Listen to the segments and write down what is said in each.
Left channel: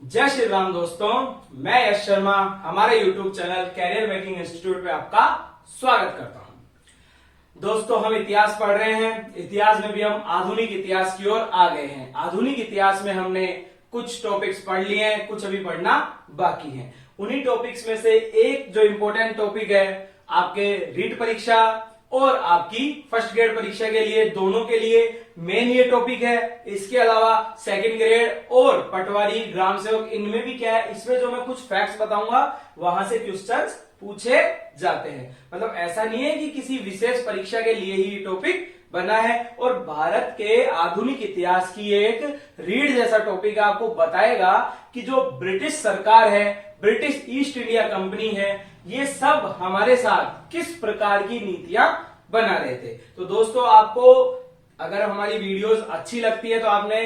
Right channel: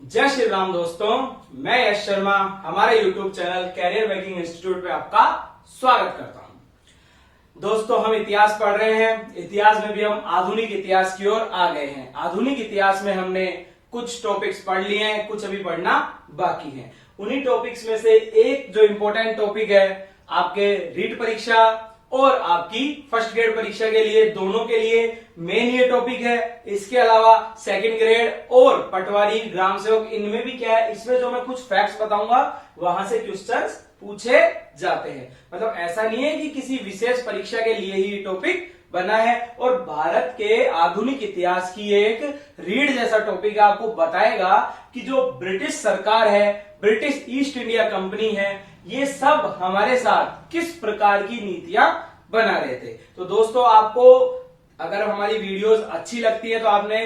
जय श्री राम दोस्तों, मैं यश शर्मा हमारे YouTube channel career making institute पे आपका स्वागत करता हूं। दोस्तों, हम इतिहास पढ़ रहे हैं। इतिहास में भी हम आधुनिक इतिहास की ओर आ गए हैं। आधुनिक इतिहास में हमने कुछ टॉपिक्स पढ़ लिए हैं, कुछ अभी पढ़ना बाकी है। उन्हीं टॉपिक्स में से एक जो इंपॉर्टेंट टॉपिक है आपके रीट परीक्षा और आपकी फर्स्ट ग्रेड परीक्षा के लिए, दोनों के लिए मेन ये टॉपिक है। इसके अलावा सेकंड ग्रेड और पटवारी, ग्राम सेवक, इनमें भी क्या है, इसमें जो मैं कुछ फैक्ट्स बताऊंगा वहां से क्वेश्चंस पूछे जाते हैं। मतलब ऐसा नहीं है कि किसी विशेष परीक्षा के लिए ही टॉपिक बना है। और भारत के आधुनिक इतिहास की एक रीड जैसा टॉपिक आपको बताएगा कि जो ब्रिटिश सरकार है, ब्रिटिश ईस्ट इंडिया कंपनी है, ये सब हमारे साथ किस प्रकार की नीतियां बना रहे थे। तो दोस्तों, आपको अगर हमारी वीडियोस अच्छी लगती है तो आपने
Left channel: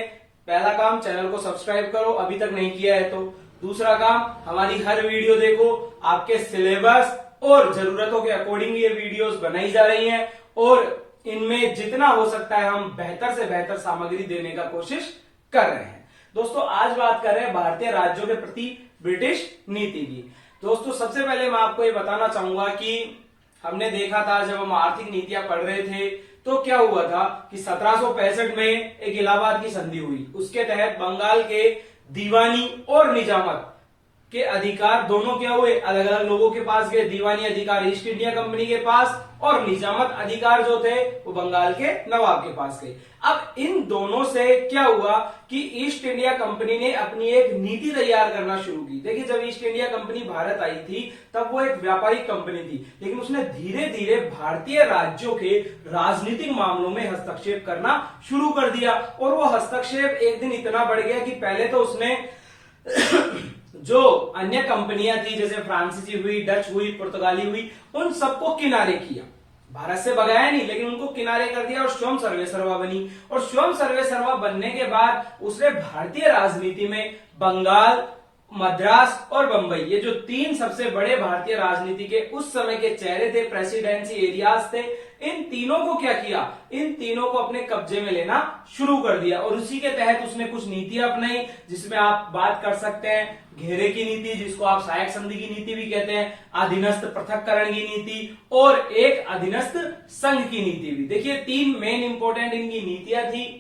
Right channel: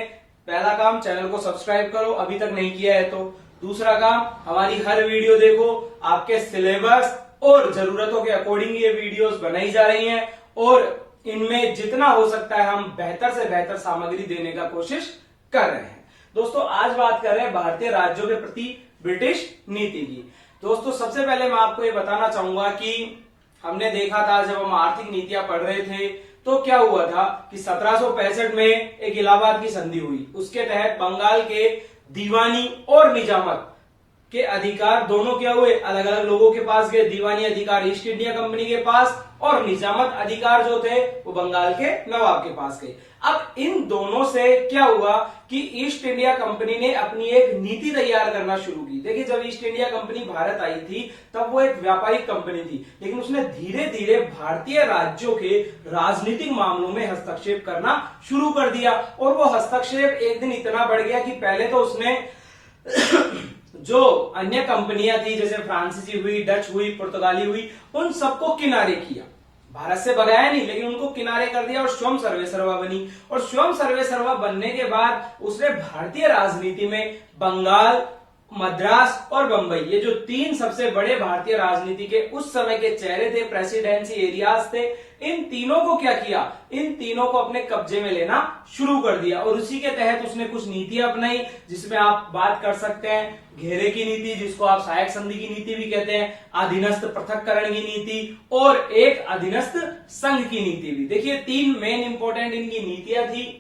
पहला काम चैनल को सब्सक्राइब करो, अभी तक नहीं किया है तो। दूसरा काम, हमारी हर वीडियो देखो। आपके सिलेबस और जरूरतों के अकॉर्डिंग ये वीडियोस बनाई जा रही हैं और इनमें जितना हो सकता है हम बेहतर से बेहतर सामग्री देने का कोशिश कर रहे हैं। दोस्तों, आज बात कर रहे हैं भारतीय राज्यों के प्रति ब्रिटिश नीति की। दोस्तों, सबसे पहले मैं आपको ये बताना चाहूंगा कि हमने देखा था जब हम आर्थिक नीतियां पढ़ रहे थे तो क्या हुआ था कि 1765 में एक इलाहाबाद की संधि हुई। उसके तहत बंगाल के दीवानी और निजामत के अधिकार दोनों क्या हुए, अलग अलग लोगों के पास गए। दीवानी अधिकार ईस्ट इंडिया कंपनी के पास और निजामत अधिकार जो थे वो बंगाल के नवाब के पास गए। अब इन दोनों से क्या हुआ कि ईस्ट इंडिया कंपनी ने अपनी एक नीति तैयार करना शुरू की। देखिए, जब ईस्ट इंडिया कंपनी भारत आई थी तब वो एक व्यापारिक कंपनी थी, लेकिन उसने धीरे धीरे भारतीय राज्यों के राजनीतिक मामलों में हस्तक्षेप करना शुरू कर दिया। और वो हस्तक्षेप एक दिन इतना बढ़ गया कि पहले तो उसने जो अन्य कंपनियां थी, जैसे फ्रांसीसी हुई, डच हुई, पुर्तगाली हुई, उन सबको किनारे किया। भारत से भगाया नहीं, लेकिन उनको किनारे कर दिया और स्वयं सर्वे सर्वा बनी। और स्वयं सर्वे सर्वा बनने के बाद उसने भारतीय राजनीति में बंगाल, मद्रास और बंबई, ये जो तीन सबसे बड़े भारतीय राजनीति के उस समय के चेहरे थे, प्रेसिडेंसी एरियाज थे, इन तीनों को क्या किया, इन तीनों को अपने कब्जे में लेना शुरू कर दिया। और उसी के तहत उसने कुछ नीतियां अपनाई, जिसमें आप बात कर सकते हैं घेरे की नीति, जिसको आप सहायक संधि की नीति भी कहते हैं, अधीनस्थ पृथक्करण की नीति और एक अधीनस्थ संघ की नीति भी। देखिए, तीन मेन इंपॉर्टेंट इनकी नीतियां थी।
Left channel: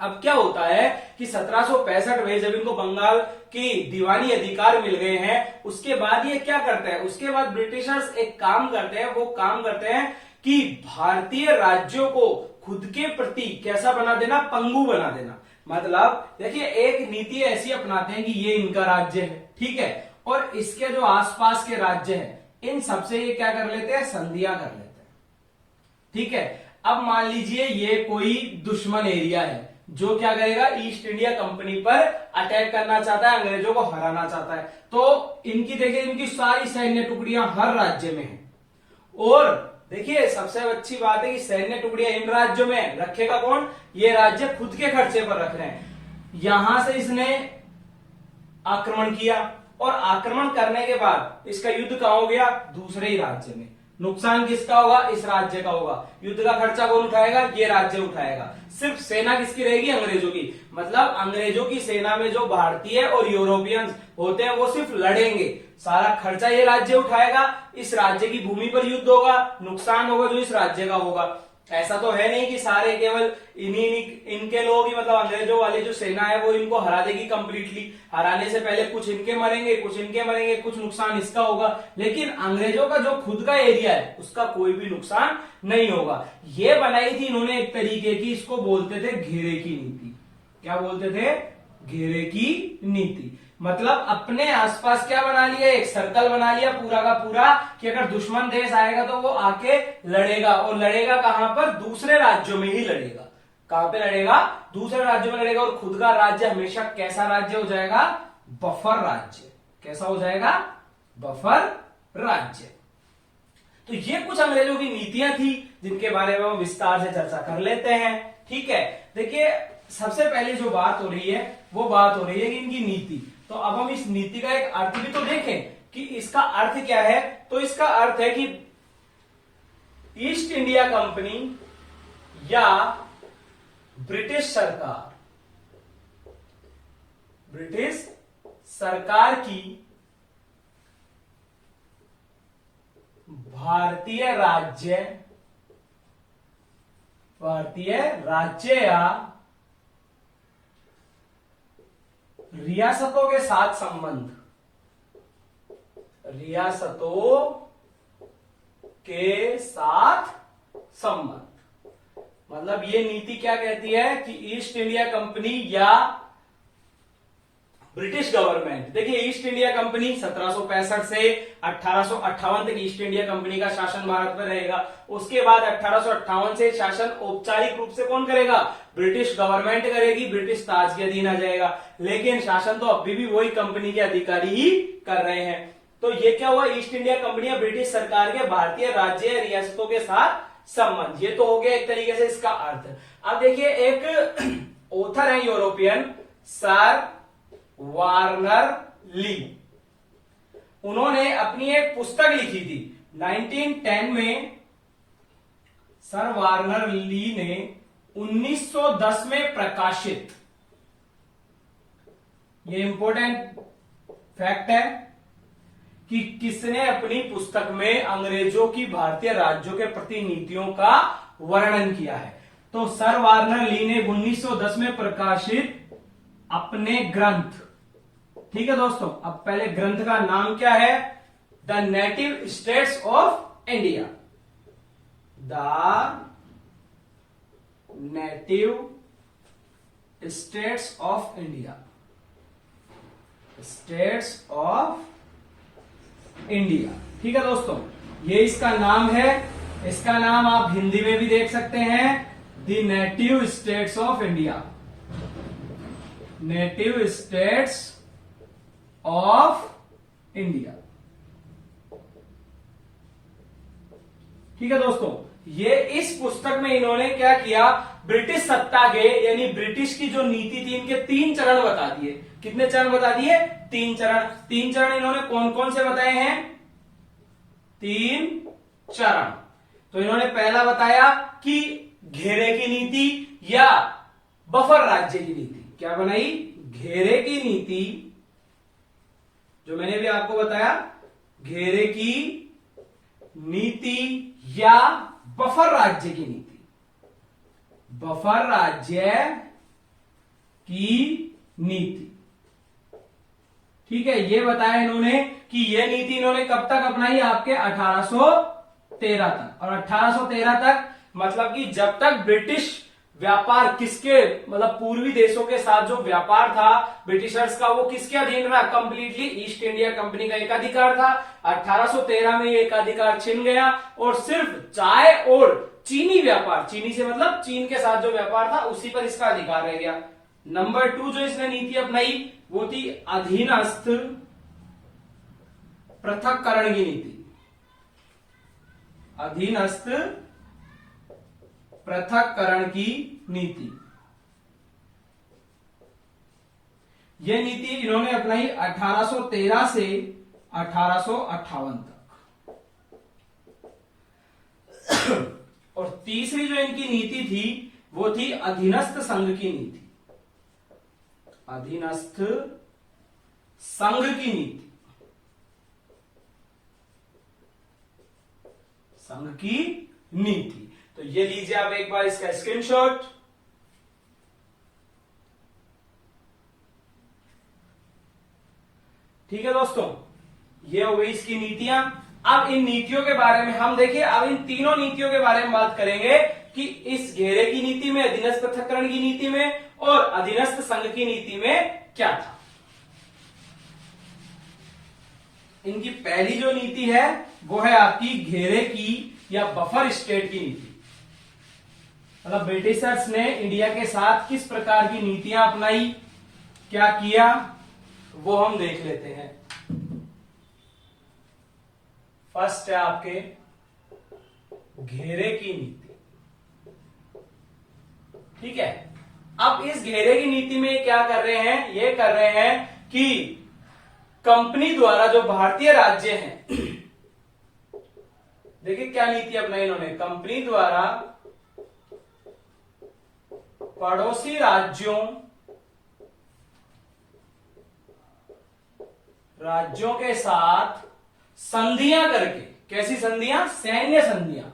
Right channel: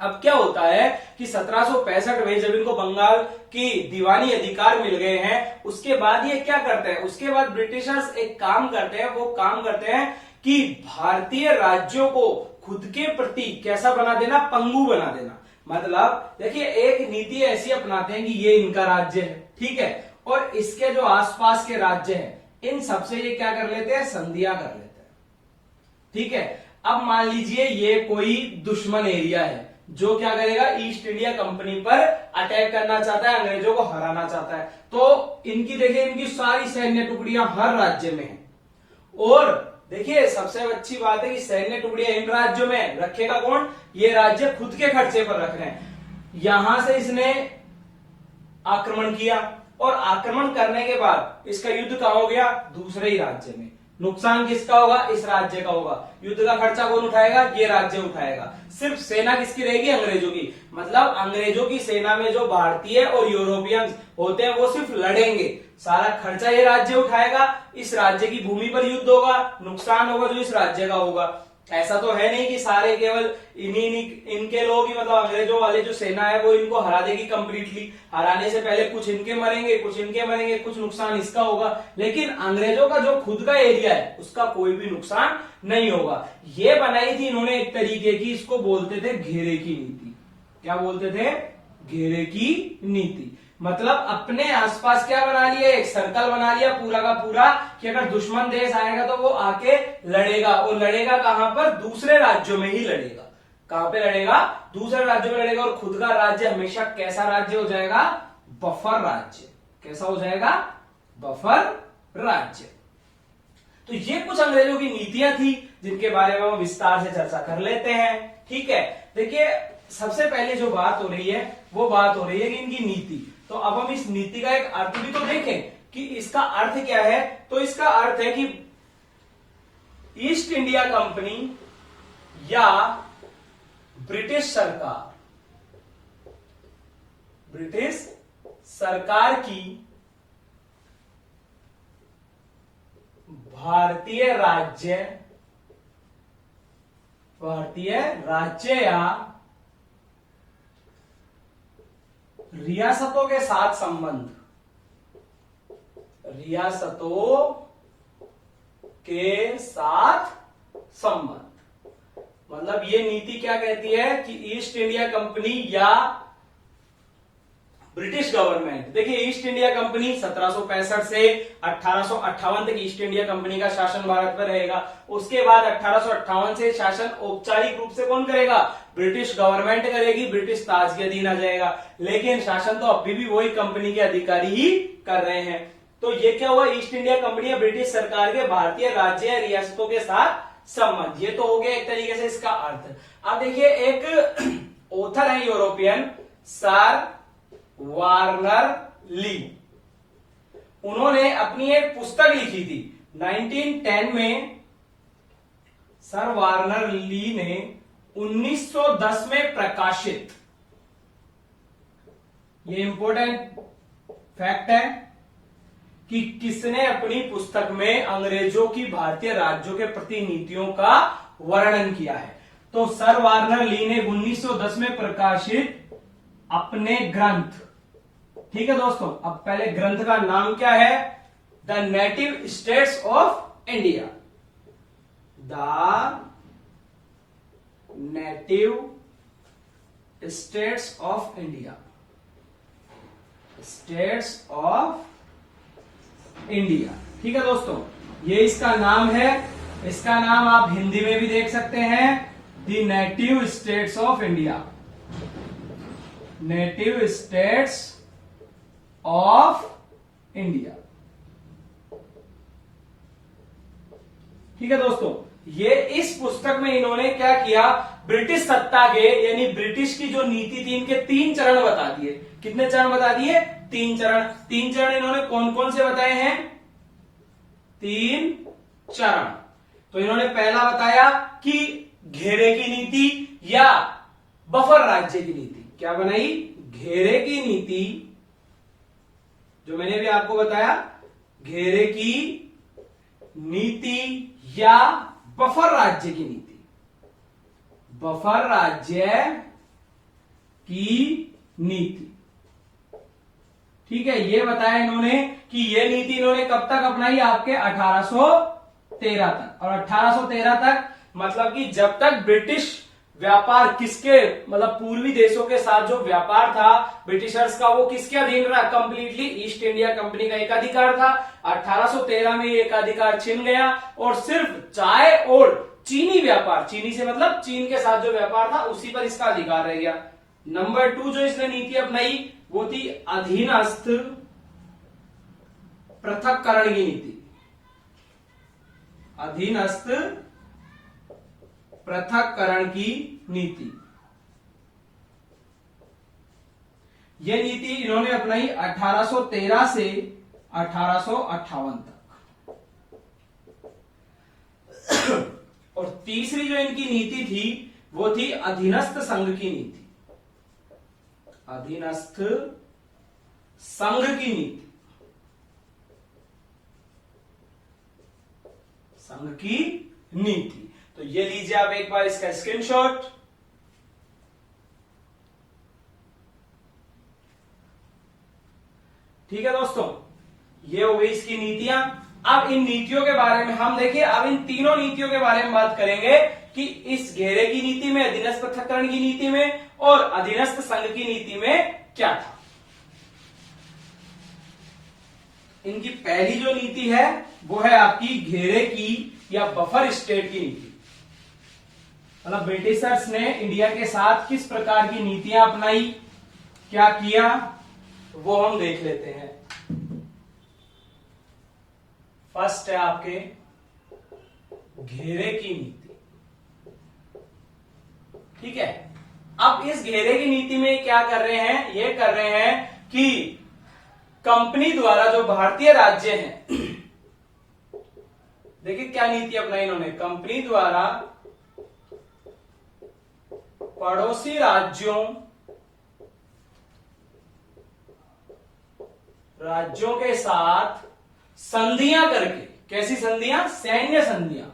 अब क्या होता है कि 1765 में जब इनको बंगाल की दीवानी अधिकार मिल गए हैं, उसके बाद ये क्या करते हैं, उसके बाद ब्रिटिशर्स एक काम करते हैं। वो काम करते हैं कि भारतीय राज्यों को खुद के प्रति कैसा बना देना, पंगु बना देना। मतलब देखिए, एक नीति ऐसी अपनाते हैं कि ये इनका राज्य है, ठीक है, और इसके जो आसपास के राज्य हैं इन सबसे ये क्या कर लेते हैं, संधियां कर लेते हैं, ठीक है। अब मान लीजिए ये कोई दुश्मन एरिया है जो क्या करेगा, ईस्ट इंडिया कंपनी पर अटैक करना चाहता है, अंग्रेजों को हराना चाहता है। तो इनकी देखिए, इनकी सारी सैन्य टुकड़ियां हर राज्य में हैं। और देखिए, सबसे अच्छी बात है कि सैन्य टुकड़ियां इन राज्यों में रखेगा कौन, ये राज्य खुद के खर्चे पर रख रहे हैं। यहां से इसने आक्रमण किया और आक्रमण करने के बाद इसका युद्ध कहां हो गया, दूसरे ही राज्य में। नुकसान किसका होगा, इस राज्य का होगा। युद्ध का खर्चा कौन उठाएगा, ये राज्य उठाएगा। सिर्फ सेना किसकी रहेगी, अंग्रेजों की। मतलब अंग्रेजों की सेना में जो भारतीय और यूरोपियंस होते हैं वो सिर्फ लड़ेंगे, सारा खर्चा ये राज्य उठाएगा। इस राज्य की भूमि पर युद्ध होगा, नुकसान होगा जो इस राज्य का होगा। ऐसा तो है नहीं कि सारे केवल इनके लोग ही, मतलब अंग्रेजों वाले जो सेना है वो इनको हरा देगी कंप्लीटली। हराने से पहले कुछ इनके मरेंगे, कुछ इनके मरेंगे, कुछ नुकसान इसका होगा, लेकिन अंग्रेजों का जो खुद का एरिया है उसका कोई भी नुकसान नहीं होगा। ये बनाई थी इन्होंने एक तरीके की, इसको बोलते थे घेरे की नीति। क्या बोलते थे, घेरे की नीति। मतलब अपने आसपास क्या बना लिया, एक सर्कल बना लिया पूरा का पूरा, कि अगर दुश्मन देश आएगा तो वो आके लड़ेगा। और लड़ेगा कहां पर, दूसरे राज्यों में ही लड़ेगा। कहां पे लड़ेगा, दूसरे राज्यों में लड़ेगा। और खुद का राज्य हमेशा कैसा राज्य हो जाएगा, बफर राज्य। कैसा हो जाएगा, बफर राज्य। तो ये कुछ अंग्रेजों की नीतियां थी जिनके बारे में हम विस्तार से चर्चा कर लेते हैं, ठीक है। देखिए, सबसे पहले जो बात हो रही है वो बात हो रही है कि इनकी नीति। तो अब हम इस नीति का एक अर्थ भी तो देखें कि इसका अर्थ क्या है। तो इसका अर्थ है कि ईस्ट इंडिया कंपनी या ब्रिटिश सरकार, ब्रिटिश सरकार की भारतीय राज्य या रियासतों के साथ संबंध, मतलब ये नीति क्या कहती है कि ईस्ट इंडिया कंपनी या ब्रिटिश गवर्नमेंट, देखिए ईस्ट इंडिया कंपनी 1765 से 1858 तक ईस्ट इंडिया कंपनी का शासन भारत पर रहेगा। उसके बाद 1858 से शासन औपचारिक रूप से कौन करेगा? ब्रिटिश गवर्नमेंट करेगी, ब्रिटिश ताज के अधीन आ जाएगा। लेकिन शासन तो अभी भी वही कंपनी के अधिकारी ही कर रहे हैं। तो ये क्या हुआ? ईस्ट इंडिया कंपनी या ब्रिटिश सरकार के भारतीय राज्य या रियासतों के साथ संबंध। ये तो हो गया एक तरीके से इसका अर्थ। अब देखिए एक ऑथर है यूरोपियन, सर वार्नर ली, उन्होंने अपनी एक पुस्तक लिखी थी 1910 में। सर वार्नर ली ने 1910 में प्रकाशित, ये इंपॉर्टेंट फैक्ट है कि किसने अपनी पुस्तक में अंग्रेजों की भारतीय राज्यों के प्रति नीतियों का वर्णन किया है। तो सर वार्नर ली ने 1910 में प्रकाशित अपने ग्रंथ, ठीक है दोस्तों, अब पहले ग्रंथ का नाम क्या है? The native states of India, the native states of India, states of India, ठीक है दोस्तों, ये इसका नाम है। इसका नाम आप हिंदी में भी देख सकते हैं, the native states of India, native states of India, ठीक है दोस्तों। ये इस पुस्तक में इन्होंने क्या किया? ब्रिटिश सत्ता के यानी ब्रिटिश की जो नीति थी, इनके 3 चरण बता दिए। कितने चरण बता दिए? 3 चरण। 3 चरण इन्होंने कौन कौन से बताए हैं? 3 चरण। तो इन्होंने पहला बताया कि घेरे की नीति या बफर राज्य की नीति। क्या बनाई? घेरे की नीति, जो मैंने भी आपको बताया, घेरे की नीति या बफर राज्य की नीति, बफर राज्य की नीति, ठीक है। ये बताया इन्होंने कि ये नीति इन्होंने कब तक अपनाई? आपके 1813 तक। और 1813 तक मतलब कि जब तक ब्रिटिश व्यापार किसके, मतलब पूर्वी देशों के साथ जो व्यापार था ब्रिटिशर्स का, वो किसके अधीन रहा? कंप्लीटली ईस्ट इंडिया कंपनी का एकाधिकार था। 1813 में ये एकाधिकार छिन गया और सिर्फ चाय और चीनी व्यापार, चीनी से मतलब चीन के साथ जो व्यापार था उसी पर इसका अधिकार रह गया। नंबर 2 जो इसने नीति अपनाई वो थी अधीनस्थ पृथक्करण की नीति, अधीनस्थ पृथक्करण की नीति। यह नीति इन्होंने अपनाई 1813 से 1858 तक। और तीसरी जो इनकी नीति थी वो थी अधीनस्थ संघ की नीति, अधीनस्थ संघ की नीति, संघ की नीति। तो ये लीजिए आप एक बार इसका स्क्रीनशॉट। ठीक है दोस्तों, ये हो गई इसकी नीतियां। अब इन नीतियों के बारे में हम देखिए, अब इन तीनों नीतियों के बारे में बात करेंगे कि इस घेरे की नीति में, अधीनस्थ पृथक्करण की नीति में और अधीनस्थ संघ की नीति में क्या था। इनकी पहली जो नीति है वो है आपकी घेरे की या बफर स्टेट की नीति। मतलब ब्रिटिशर्स ने इंडिया के साथ किस प्रकार की नीतियां अपनाई, क्या किया, वो हम देख लेते हैं। फर्स्ट है आपके घेरे की नीति। ठीक है, अब इस घेरे की नीति में क्या कर रहे हैं? ये कर रहे हैं कि कंपनी द्वारा जो भारतीय राज्य हैं, देखिए क्या नीति अपनाई इन्होंने, कंपनी द्वारा पड़ोसी राज्यों राज्यों के साथ संधियां करके, कैसी संधियां? सैन्य संधियां,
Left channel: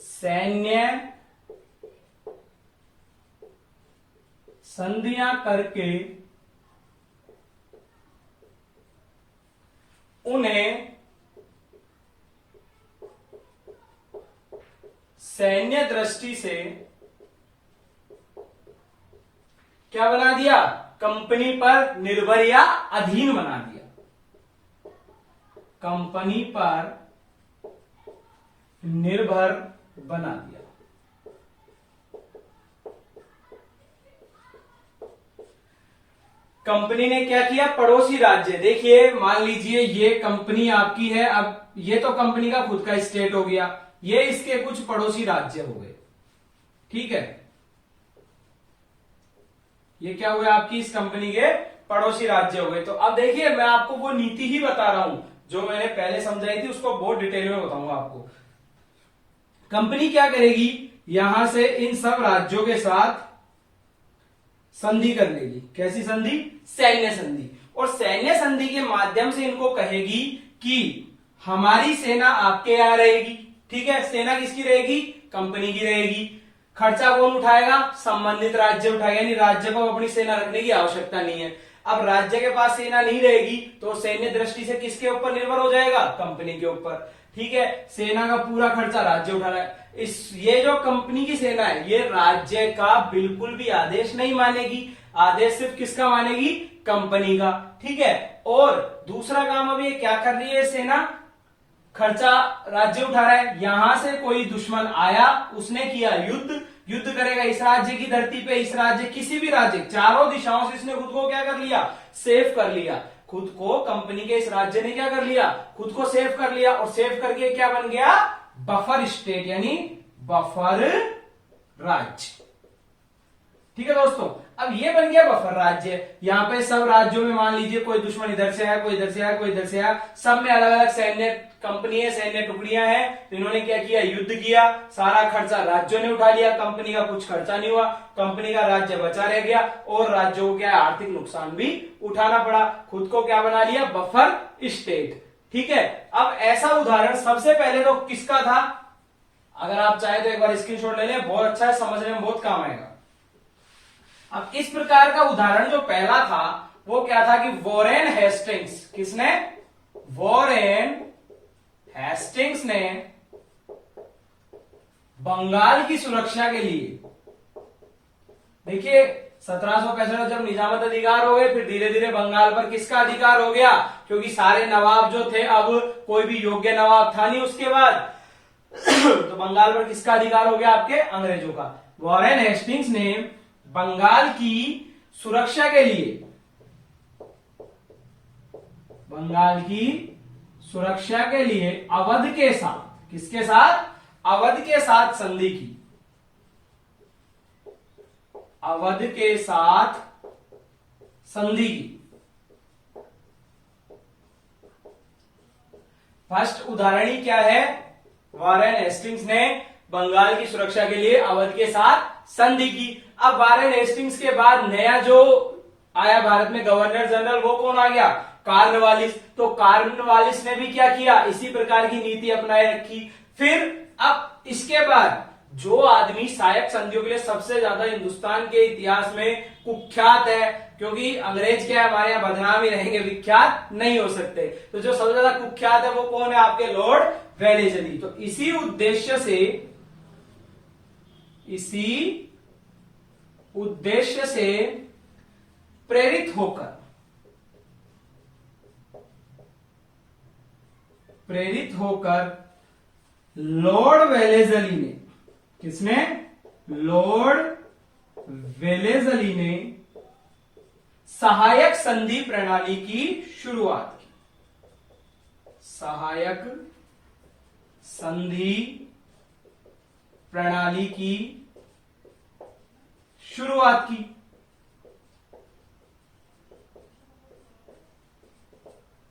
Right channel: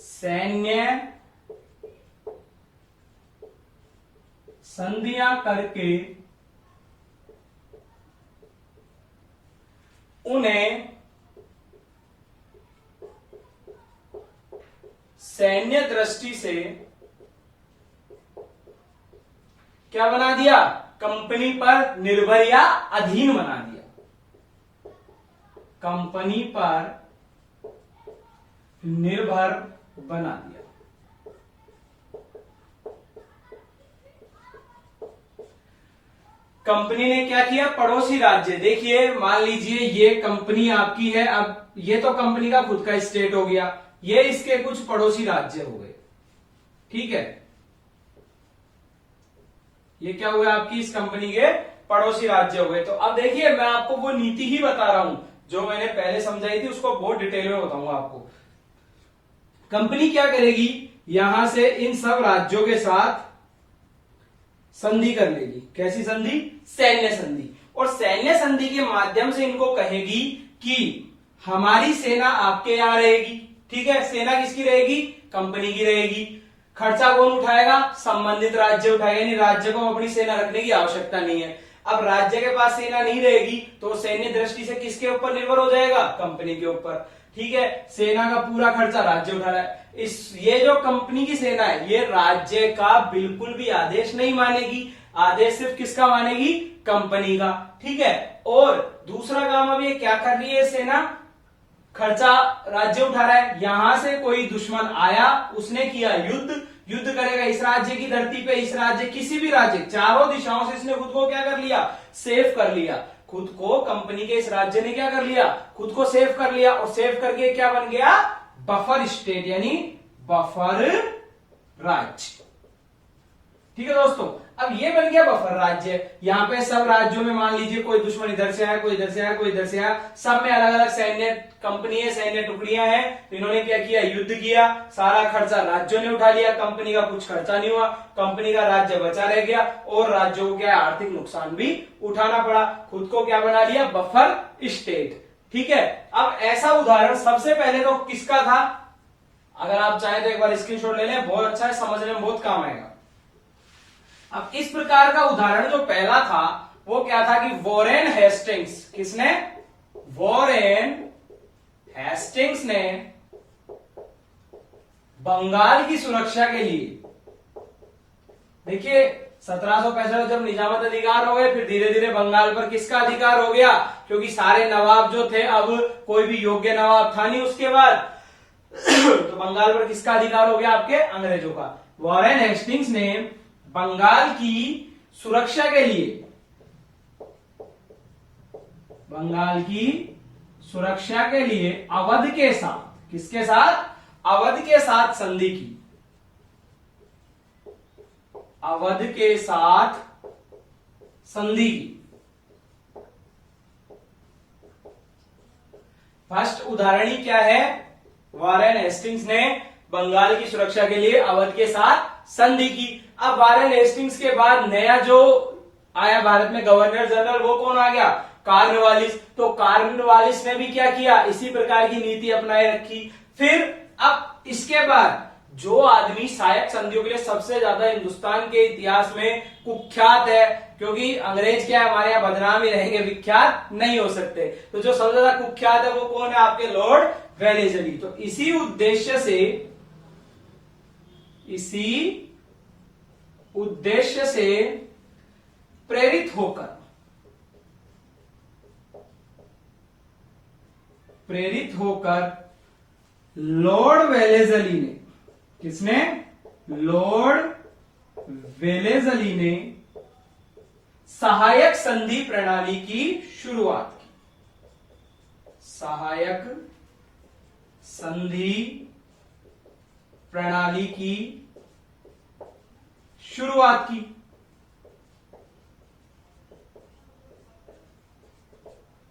सैन्य संधियां करके उन्हें सैन्य दृष्टि से क्या बना दिया? कंपनी पर निर्भर या अधीन बना दिया, कंपनी पर निर्भर बना दिया। कंपनी ने क्या किया? पड़ोसी राज्य, देखिए मान लीजिए ये कंपनी आपकी है, अब ये तो कंपनी का खुद का स्टेट हो गया, ये इसके कुछ पड़ोसी राज्य हो गए, ठीक है, ये क्या हुआ? आपकी इस कंपनी के पड़ोसी राज्य हो गए। तो अब देखिए मैं आपको वो नीति ही बता रहा हूं जो मैंने पहले समझाई थी, उसको बहुत डिटेल में बताऊंगा आपको। कंपनी क्या करेगी? यहां से इन सब राज्यों के साथ संधि कर लेगी। कैसी संधि? सैन्य संधि। और सैन्य संधि के माध्यम से इनको कहेगी कि हमारी सेना आपके यहां रहेगी, ठीक है, सेना किसकी रहेगी? कंपनी की रहेगी। खर्चा कौन उठाएगा? संबंधित राज्य उठाएगा, यानी राज्य को अपनी सेना रखने की आवश्यकता नहीं है। अब राज्य के पास सेना नहीं रहेगी तो सैन्य दृष्टि से किसके ऊपर निर्भर हो जाएगा? कंपनी के ऊपर, ठीक है। सेना का पूरा खर्चा राज्य उठा रहा है। ये जो कंपनी की सेना है ये राज्य का बिल्कुल भी आदेश नहीं मानेगी, आदेश सिर्फ किसका मानेगी? कंपनी का, ठीक है। और दूसरा काम अब ये क्या कर रही है सेना? खर्चा राज्य उठा रहा है, यहां से कोई दुश्मन आया, उसने किया युद्ध, युद्ध करेगा इस राज्य की धरती पे, इस राज्य किसी भी राज्य, चारों दिशाओं से इसने खुद को क्या कर लिया? सेफ कर लिया खुद को। कंपनी के इस राज्य ने क्या कर लिया? खुद को सेफ कर लिया। और सेफ करके क्या बन गया? बफर स्टेट, यानी बफर राज्य, ठीक है दोस्तों। अब ये बन गया बफर राज्य। यहां पे सब राज्यों में मान लीजिए कोई दुश्मन इधर से आया, कोई इधर से आया, कोई इधर से आया, सब में अलग अलग सैन्य कंपनी है, सैन्य टुकड़ियां हैं, तो इन्होंने क्या किया? युद्ध किया, सारा खर्चा राज्यों ने उठा लिया, कंपनी का कुछ खर्चा नहीं हुआ, कंपनी का राज्य बचा रह गया और राज्यों को क्या आर्थिक नुकसान भी उठाना पड़ा। खुद को क्या बना लिया? बफर स्टेट, ठीक है। अब ऐसा उदाहरण सबसे पहले तो किसका था? अगर आप चाहें तो एक बार स्क्रीनशॉट ले लें, बहुत अच्छा है, समझने में बहुत काम आएगा। अब इस प्रकार का उदाहरण जो पहला था वो क्या था कि वॉरेन हेस्टिंग्स, किसने? वॉरेन हेस्टिंग्स ने बंगाल की सुरक्षा के लिए, देखिए 1765 जब निजामत अधिकार हो गए, फिर धीरे धीरे बंगाल पर किसका अधिकार हो गया? क्योंकि सारे नवाब जो थे, अब कोई भी योग्य नवाब था नहीं उसके बाद तो बंगाल पर किसका अधिकार हो गया? आपके अंग्रेजों का। वॉरेन हेस्टिंग्स ने बंगाल की सुरक्षा के लिए, बंगाल की सुरक्षा के लिए अवध के साथ, किसके साथ? अवध के साथ संधि की, अवध के साथ संधि की। फर्स्ट उदाहरणी क्या है? वॉरेन हेस्टिंग्स ने बंगाल की सुरक्षा के लिए अवध के साथ संधि की। अब वॉरेन हेस्टिंग्स के बाद नया जो आया भारत में गवर्नर जनरल, वो कौन आ गया? कॉर्नवालिस। तो कॉर्नवालिस ने भी क्या किया? इसी प्रकार की नीति अपनाए रखी। फिर अब इसके बाद जो आदमी सहायक संधियों के लिए सबसे ज्यादा हिंदुस्तान के इतिहास में कुख्यात है, क्योंकि अंग्रेज क्या है हमारे यहां बदनाम ही रहेंगे, विख्यात नहीं हो सकते, तो जो सबसे ज्यादा कुख्यात है वो कौन है? आपके लॉर्ड वेलेजली। तो इसी उद्देश्य से प्रेरित होकर लॉर्ड वेलेजली ने, किसने? लॉर्ड वेलेजली ने सहायक संधि प्रणाली की शुरुआत की। सहायक संधि प्रणाली की शुरुआत की।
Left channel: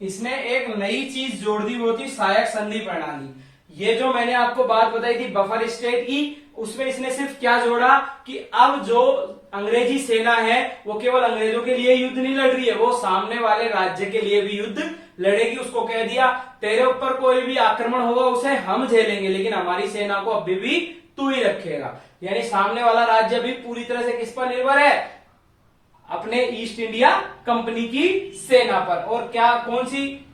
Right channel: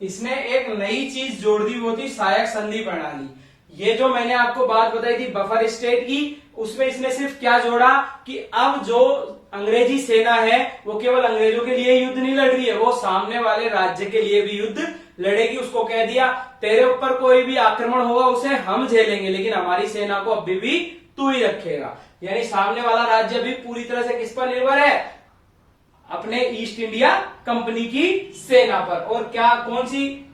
इसने एक नई चीज जोड़ दी, वो थी सहायक संधि प्रणाली। ये जो मैंने आपको बात बताई थी बफर स्टेट की, उसमें इसने सिर्फ क्या जोड़ा कि अब जो अंग्रेजी सेना है वो केवल अंग्रेजों के लिए युद्ध नहीं लड़ रही है, वो सामने वाले राज्य के लिए भी युद्ध लड़ेगी। उसको कह दिया तेरे ऊपर कोई भी आक्रमण होगा उसे हम झेलेंगे, लेकिन हमारी सेना को अभी भी तू ही रखेगा। यानी सामने वाला राज्य भी पूरी तरह से किस पर निर्भर है, अपने ईस्ट इंडिया कंपनी की सेना पर। और क्या कौन सी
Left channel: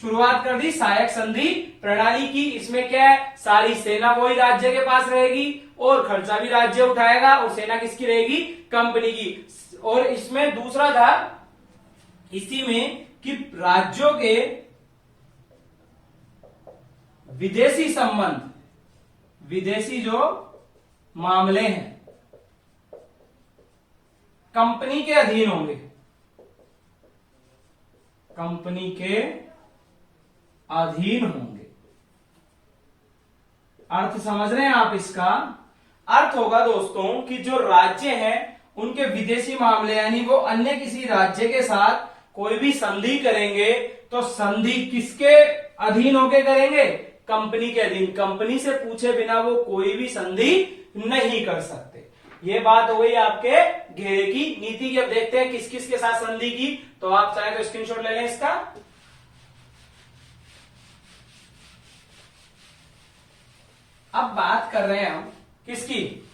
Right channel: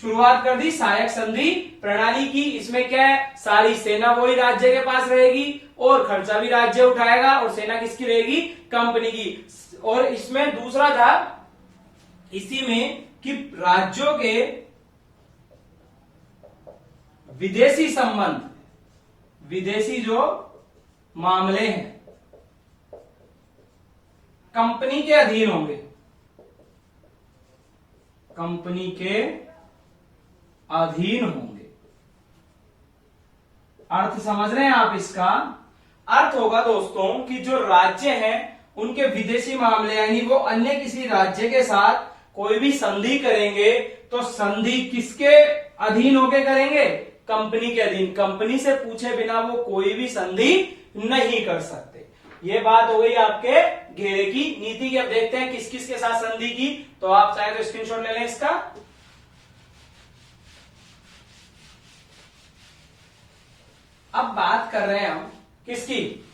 शुरुआत कर दी, सहायक संधि प्रणाली की। इसमें क्या है, सारी सेना वही राज्य के पास रहेगी और खर्चा भी राज्य उठाएगा और सेना किसकी रहेगी, कंपनी की। और इसमें दूसरा था इसी में कि राज्यों के विदेशी संबंध, विदेशी जो मामले हैं कंपनी के अधीन होंगे, कंपनी के अधीन होंगे। अर्थ समझ रहे हैं आप इसका? अर्थ होगा दोस्तों कि जो राज्य हैं उनके विदेशी मामले यानी वो अन्य किसी राज्य के साथ कोई भी संधि करेंगे तो संधि किसके अधीन होके करेंगे, कंपनी के अधीन। कंपनी से पूछे बिना वो कोई भी संधि नहीं कर सकते। ये बात हो गई आपके घेरे की नीति की। अब देखते हैं किस किस के साथ संधि की, तो आप चाहे तो स्क्रीनशॉट ले लें इसका। अब बात कर रहे हैं हम किसकी,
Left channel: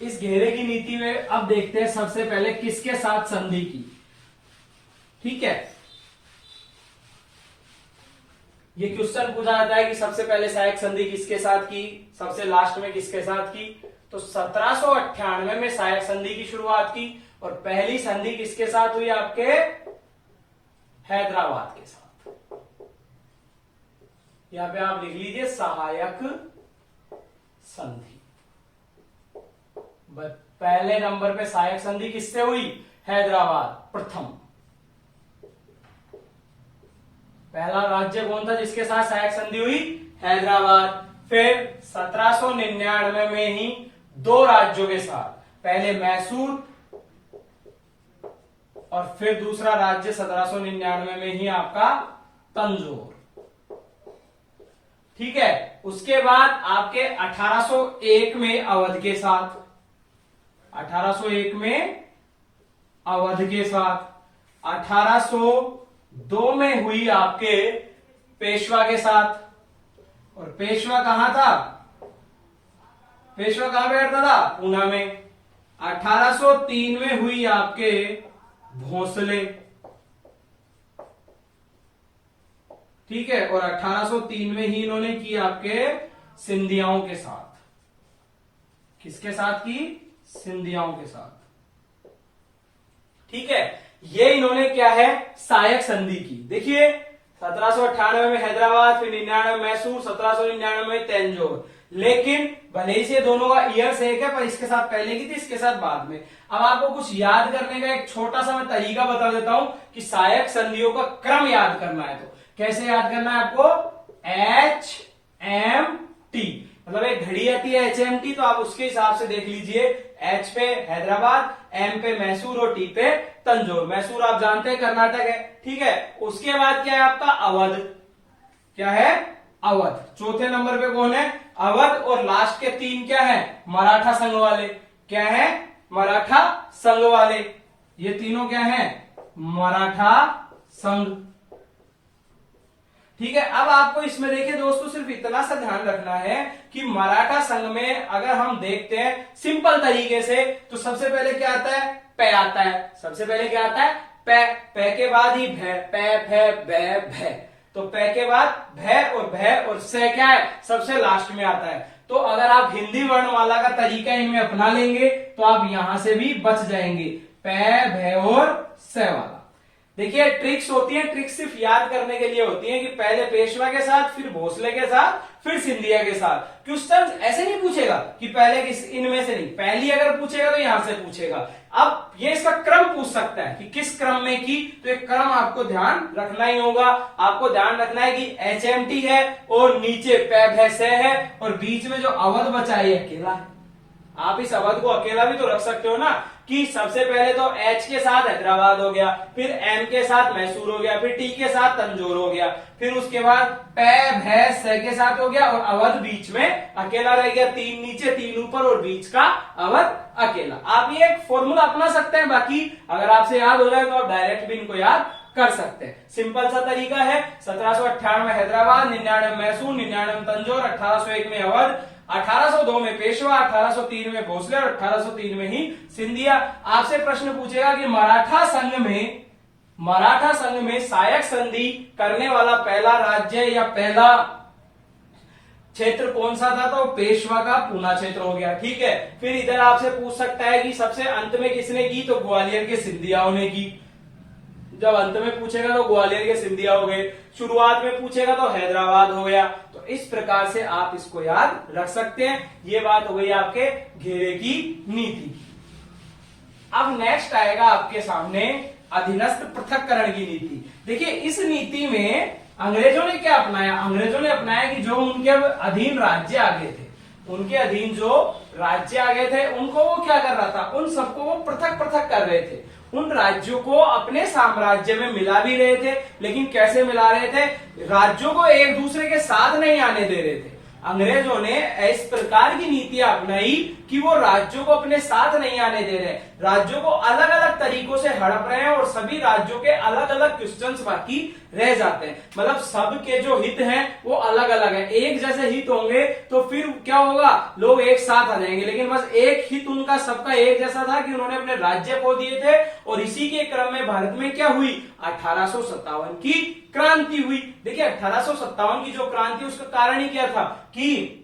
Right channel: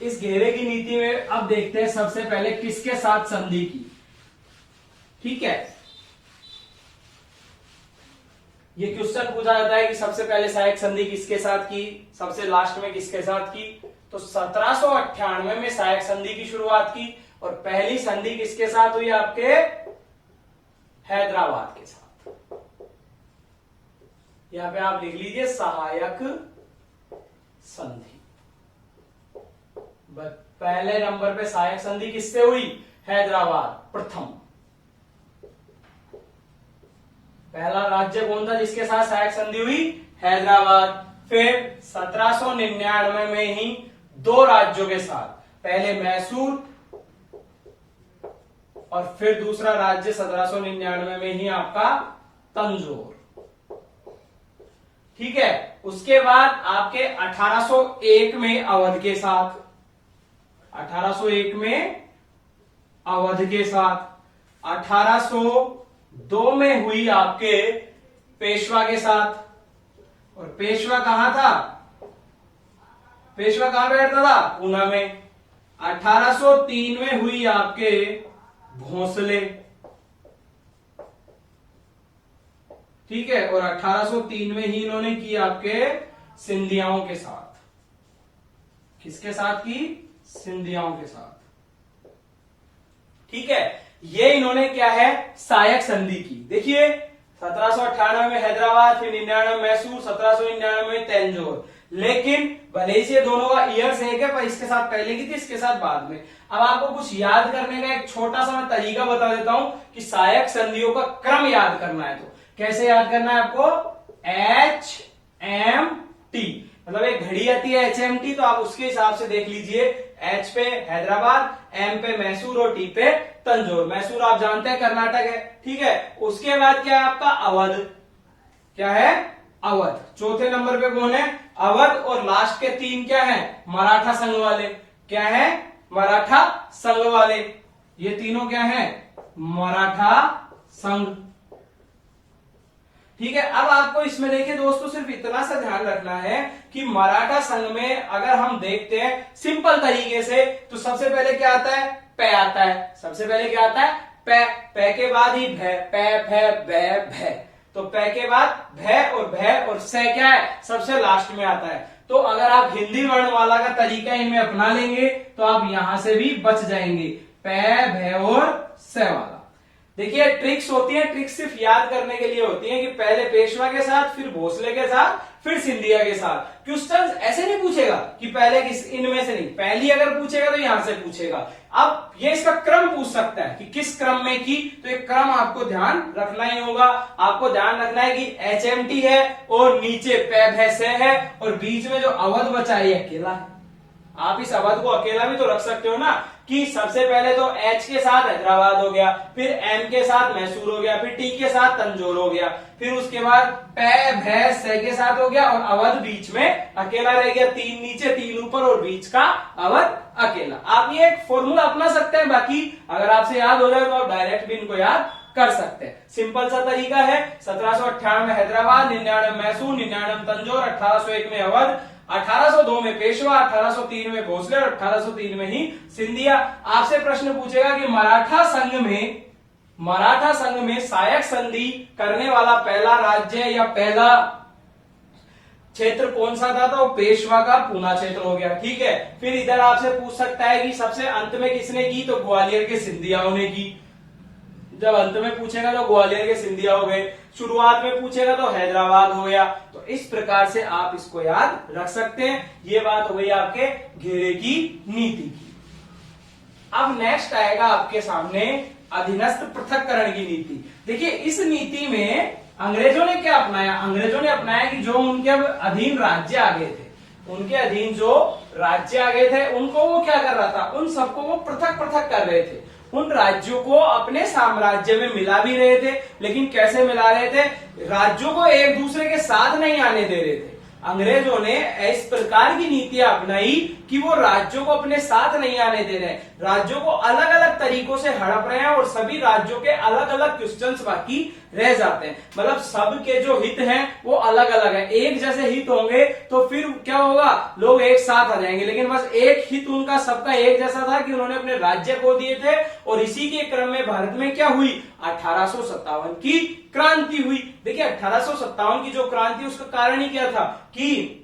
इस घेरे की नीति में। अब देखते हैं सबसे पहले किसके साथ संधि की। ठीक है, ये क्वेश्चन पूछा जाता है कि सबसे पहले सहायक संधि किसके साथ की, सबसे लास्ट में किसके साथ की। तो 1798 में सहायक संधि की शुरुआत की और पहली संधि किसके साथ हुई, आपके हैदराबाद के साथ। यहां पे आप लिख लीजिए सहायक संधि। पहले नंबर पे सहायक संधि किससे हुई, हैदराबाद प्रथम। पहला राज्य कौन था जिसके साथ सहायक संधि हुई, हैदराबाद। फिर 1799 में ही दो राज्यों के साथ, पहले मैसूर और फिर दूसरा राज्य 1799 में ही आपका तंजौर। ठीक है, उसके बाद आपके 1801 में अवध के साथ, 1801 में अवध के साथ, 1802 में हुई आपके पेशवा के साथ। और पेशवा कहां था, पेशवा कहां पे रहता था, पूना में। 1803 में हुई आपके भोसले। ठीक है, और 1803 में ही इन्होंने की आपके सिंधियाओं के साथ। किसके साथ की, सिंधियाओं के साथ। ठीक है, ये इन्होंने क्या है, सहायक संधि की। देखिए 1798 में हैदराबाद, फिर 99 में मैसूर, 1799 में तंजौर। लेकिन भले ही से दोनों का ईयर्स एक है, पर इसके साथ पहले की थी, इसके साथ बाद में। अब आपको कुछ याद करने का एक छोटा सा मैं तरीका बता देता हूं कि सहायक संधियों का क्रम याद करना है तो कैसे याद करना है आपको, HMT, मतलब एक घड़ी आती है HMT, तो आप उसके हिसाब से देख लीजिए। H पे हैदराबाद, M पे मैसूर और T पे तंजौर। मैसूर आप जानते हैं कर्नाटक है। ठीक है, उसके बाद क्या है आपका अवध। क्या है, अवध। चौथे नंबर पे कौन है, अवध। और लास्ट के तीन क्या है, मराठा संघ वाले। क्या है, मराठा संघ वाले। ये तीनों क्या है, मराठा संघ। ठीक है, अब आपको इसमें देखिए दोस्तों सिर्फ इतना सा ध्यान रखना है कि मराठा संघ में अगर हम देखते हैं सिंपल तरीके से, तो सबसे पहले क्या आता है, पै आता है। सबसे पहले क्या आता है, पै। पै के बाद ही भै, पै भै बै भै। तो पै के बाद भै और भै और से क्या है, सबसे लास्ट में आता है। तो अगर आप हिंदी वर्णमाला का तरीका इनमें अपना लेंगे तो आप यहां से भी बच जाएंगे, पै भै और से वाला। देखिए ट्रिक्स होती है, ट्रिक्स सिर्फ याद करने के लिए होती है कि पहले पेशवा के साथ, फिर भोसले के साथ, फिर सिंधिया के साथ। क्वेश्चन ऐसे नहीं पूछेगा कि पहले किस, इनमें से नहीं, पहली अगर पूछेगा तो यहां से पूछेगा। अब ये इसका क्रम पूछ सकता है कि किस क्रम में की, तो एक क्रम आपको ध्यान रखना ही होगा। आपको ध्यान रखना है कि HMT है और नीचे पै भै से है और बीच में जो अवध बचा है अकेला है। आप इस अवध को अकेला भी तो रख सकते हो ना। कि सबसे पहले तो एच के साथ हैदराबाद हो गया, फिर एम के साथ मैसूर हो गया, फिर टी के साथ तंजौर हो गया, फिर उसके बाद पै भै से के साथ हो गया और अवध बीच में अकेला रह गया। 3 नीचे 3 ऊपर और बीच का अवध अकेला। आप ये एक फॉर्मूला अपना सकते हैं, बाकी अगर आपसे याद हो जाए तो आप डायरेक्ट भी इनको याद कर सकते हैं। सिंपल सा तरीका है। 1798 में हैदराबाद, 99 में मैसूर, 99 में तंजौर, 1801 में अवध, 1802 में पेशवा, 1803 में भोसले और 1803 में ही सिंधिया। आपसे प्रश्न पूछेगा कि मराठा संघ में सहायक संधि करने वाला पहला राज्य या पहला क्षेत्र कौन सा था, तो पेशवा का पूना क्षेत्र हो गया। ठीक है, फिर इधर आपसे पूछ सकता है कि सबसे अंत में किसने की, तो ग्वालियर के सिंधियाओं ने की। जब अंत में पूछेगा तो ग्वालियर के सिंधिया हो गए, शुरुआत में पूछेगा तो हैदराबाद हो गया। तो इस प्रकार से आप इसको याद रख सकते हैं। ये बात हो गई आपके घेरे की नीति की। अब नेक्स्ट आएगा आपके सामने अधीनस्थ पृथक्करण की नीति। देखिए इस नीति में अंग्रेजों ने क्या अपनाया, अंग्रेजों ने अपनाया कि जो उनके अधीन राज्य आ गए थे, उनके अधीन जो राज्य आ गए थे उनको वो क्या कर रहा था, उन सबको वो पृथक पृथक कर रहे थे। उन राज्यों को अपने साम्राज्य में मिला भी रहे थे, लेकिन कैसे मिला रहे थे, राज्यों को एक दूसरे के साथ नहीं आने दे रहे थे। अंग्रेजों ने इस प्रकार की नीतियां अपनाई कि वो राज्यों को अपने साथ नहीं आने दे रहे, राज्यों को अलग अलग तरीकों से हड़प रहे हैं और सभी राज्यों के अलग अलग क्वेश्चंस बाकी रह जाते हैं। मतलब सबके जो हित हैं वो अलग अलग है। एक जैसे हित होंगे तो फिर क्या होगा, लोग एक साथ आ जाएंगे, लेकिन बस एक हित उनका सबका एक जैसा था कि उन्होंने अपने राज्य खो दिए थे। और इसी के क्रम में भारत में क्या हुई, 1857 की क्रांति हुई। देखिए 1857 की जो क्रांति, उसका कारण ही क्या था कि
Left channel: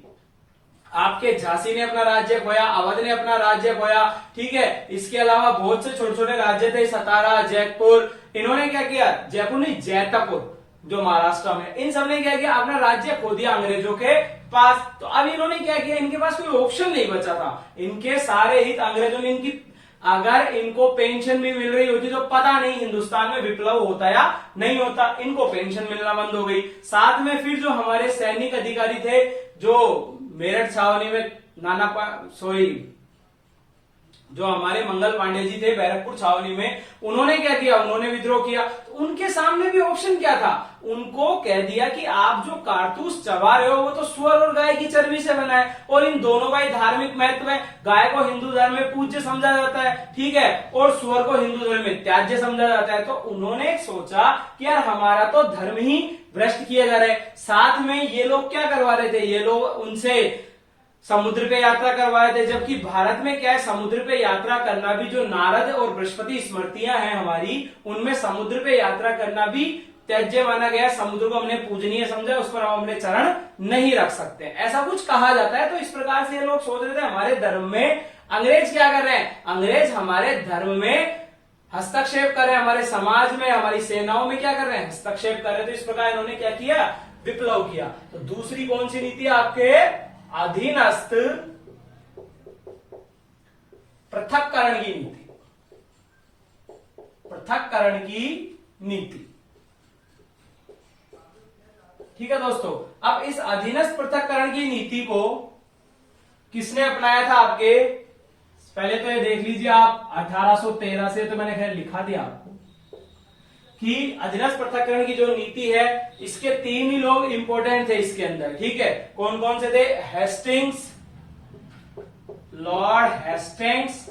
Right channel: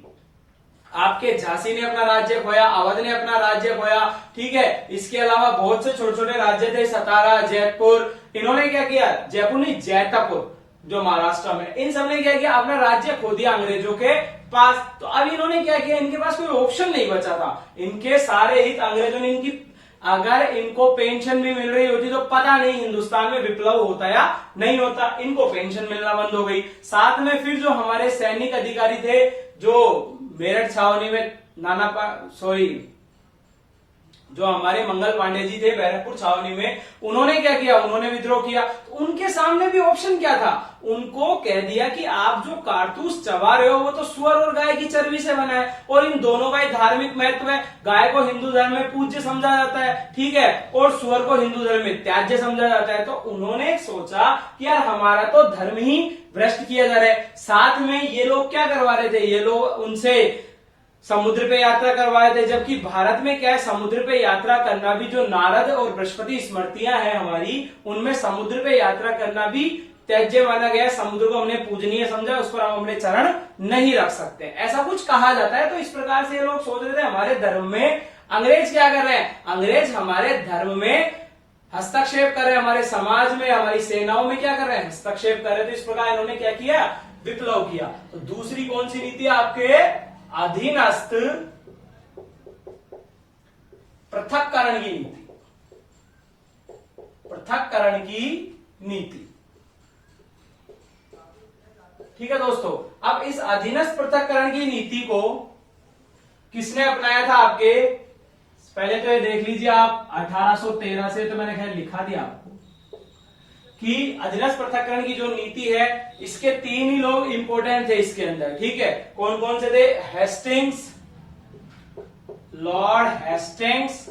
आपके झांसी ने अपना राज्य खोया, अवध ने अपना राज्य खोया। ठीक है, इसके अलावा बहुत से छोटे छोटे राज्य थे, सतारा, जयपुर, इन्होंने क्या किया, जयपुर नहीं जैतापुर जो महाराष्ट्र में, इन सब ने क्या किया, अपना राज्य खो दिया अंग्रेजों के पास। तो अब इन्होंने क्या किया, इनके पास कोई ऑप्शन नहीं बचा था। इनके सारे हित अंग्रेजों ने इनकी, अगर इनको पेंशन भी मिल रही होती तो पता नहीं हिंदुस्तान में विप्लव होता या नहीं होता। इनको पेंशन मिलना बंद हो गई। साथ में फिर जो हमारे सैनिक अधिकारी थे, जो मेरठ छावनी में जो हमारे मंगल पांडे जी थे बैरकपुर छावनी में, उन्होंने क्या किया, उन्होंने विद्रोह किया। तो उनके सामने भी ऑप्शन क्या था, उनको कह दिया कि आप जो कारतूस चबा रहे हो वो तो सुअर और गाय की चर्बी से बना है, और इन दोनों का ही धार्मिक महत्व है। गाय को हिंदू धर्म में पूज्य समझा जाता है, ठीक है, और सुअर को हिंदू धर्म में त्याज्य समझा जाता है। तो उन्होंने सोचा कि यार हमारा तो धर्म ही भ्रष्ट किया जा रहा है। साथ में ये लोग क्या करवा रहे थे, ये लोग उनसे समुद्र पे यात्रा करवाए थे, जबकि भारत में क्या है, समुद्र पे यात्रा करना भी, जो नारद और बृहस्पति स्मृतियां हैं हमारी, उनमें समुद्र पे यात्रा करना भी त्याज्य माना गया। समुद्र को हमने पूजनीय समझा, उस पर हम अपने चरण नहीं रख सकते, ऐसा कुछ कहा जाता है। तो इस प्रकार से ये लोग सोच रहे थे हमारे धर्म में अंग्रेज क्या कर रहे हैं, अंग्रेज हमारे धर्म में हस्तक्षेप कर रहे हैं, हमारे समाज में, हमारी सेनाओं में क्या कर रहे हैं, हस्तक्षेप कर रहे थे। इस प्रकार इन्होंने क्या किया, विप्लव किया। तो दूसरी कौन सी नीति है आपके, अधीनस्थ पृथक्करण की नीति, पृथक्करण की नीति। ठीक है दोस्तों, अब इस अधीनस्थ पृथक्करण की नीति को किसने अपनाया था आपके, पहले तो ये देख लीजिए आप 1813 से, तो मैंने खैर लिखा दिया आपको कि अधीनस्थ पृथक्करण की जो नीति है, इसके 3 ही लोग इंपॉर्टेंट थे इसके अंदर। ठीक है, कौन कौन से थे, हेस्टिंग्स, लॉर्ड हेस्टिंग्स,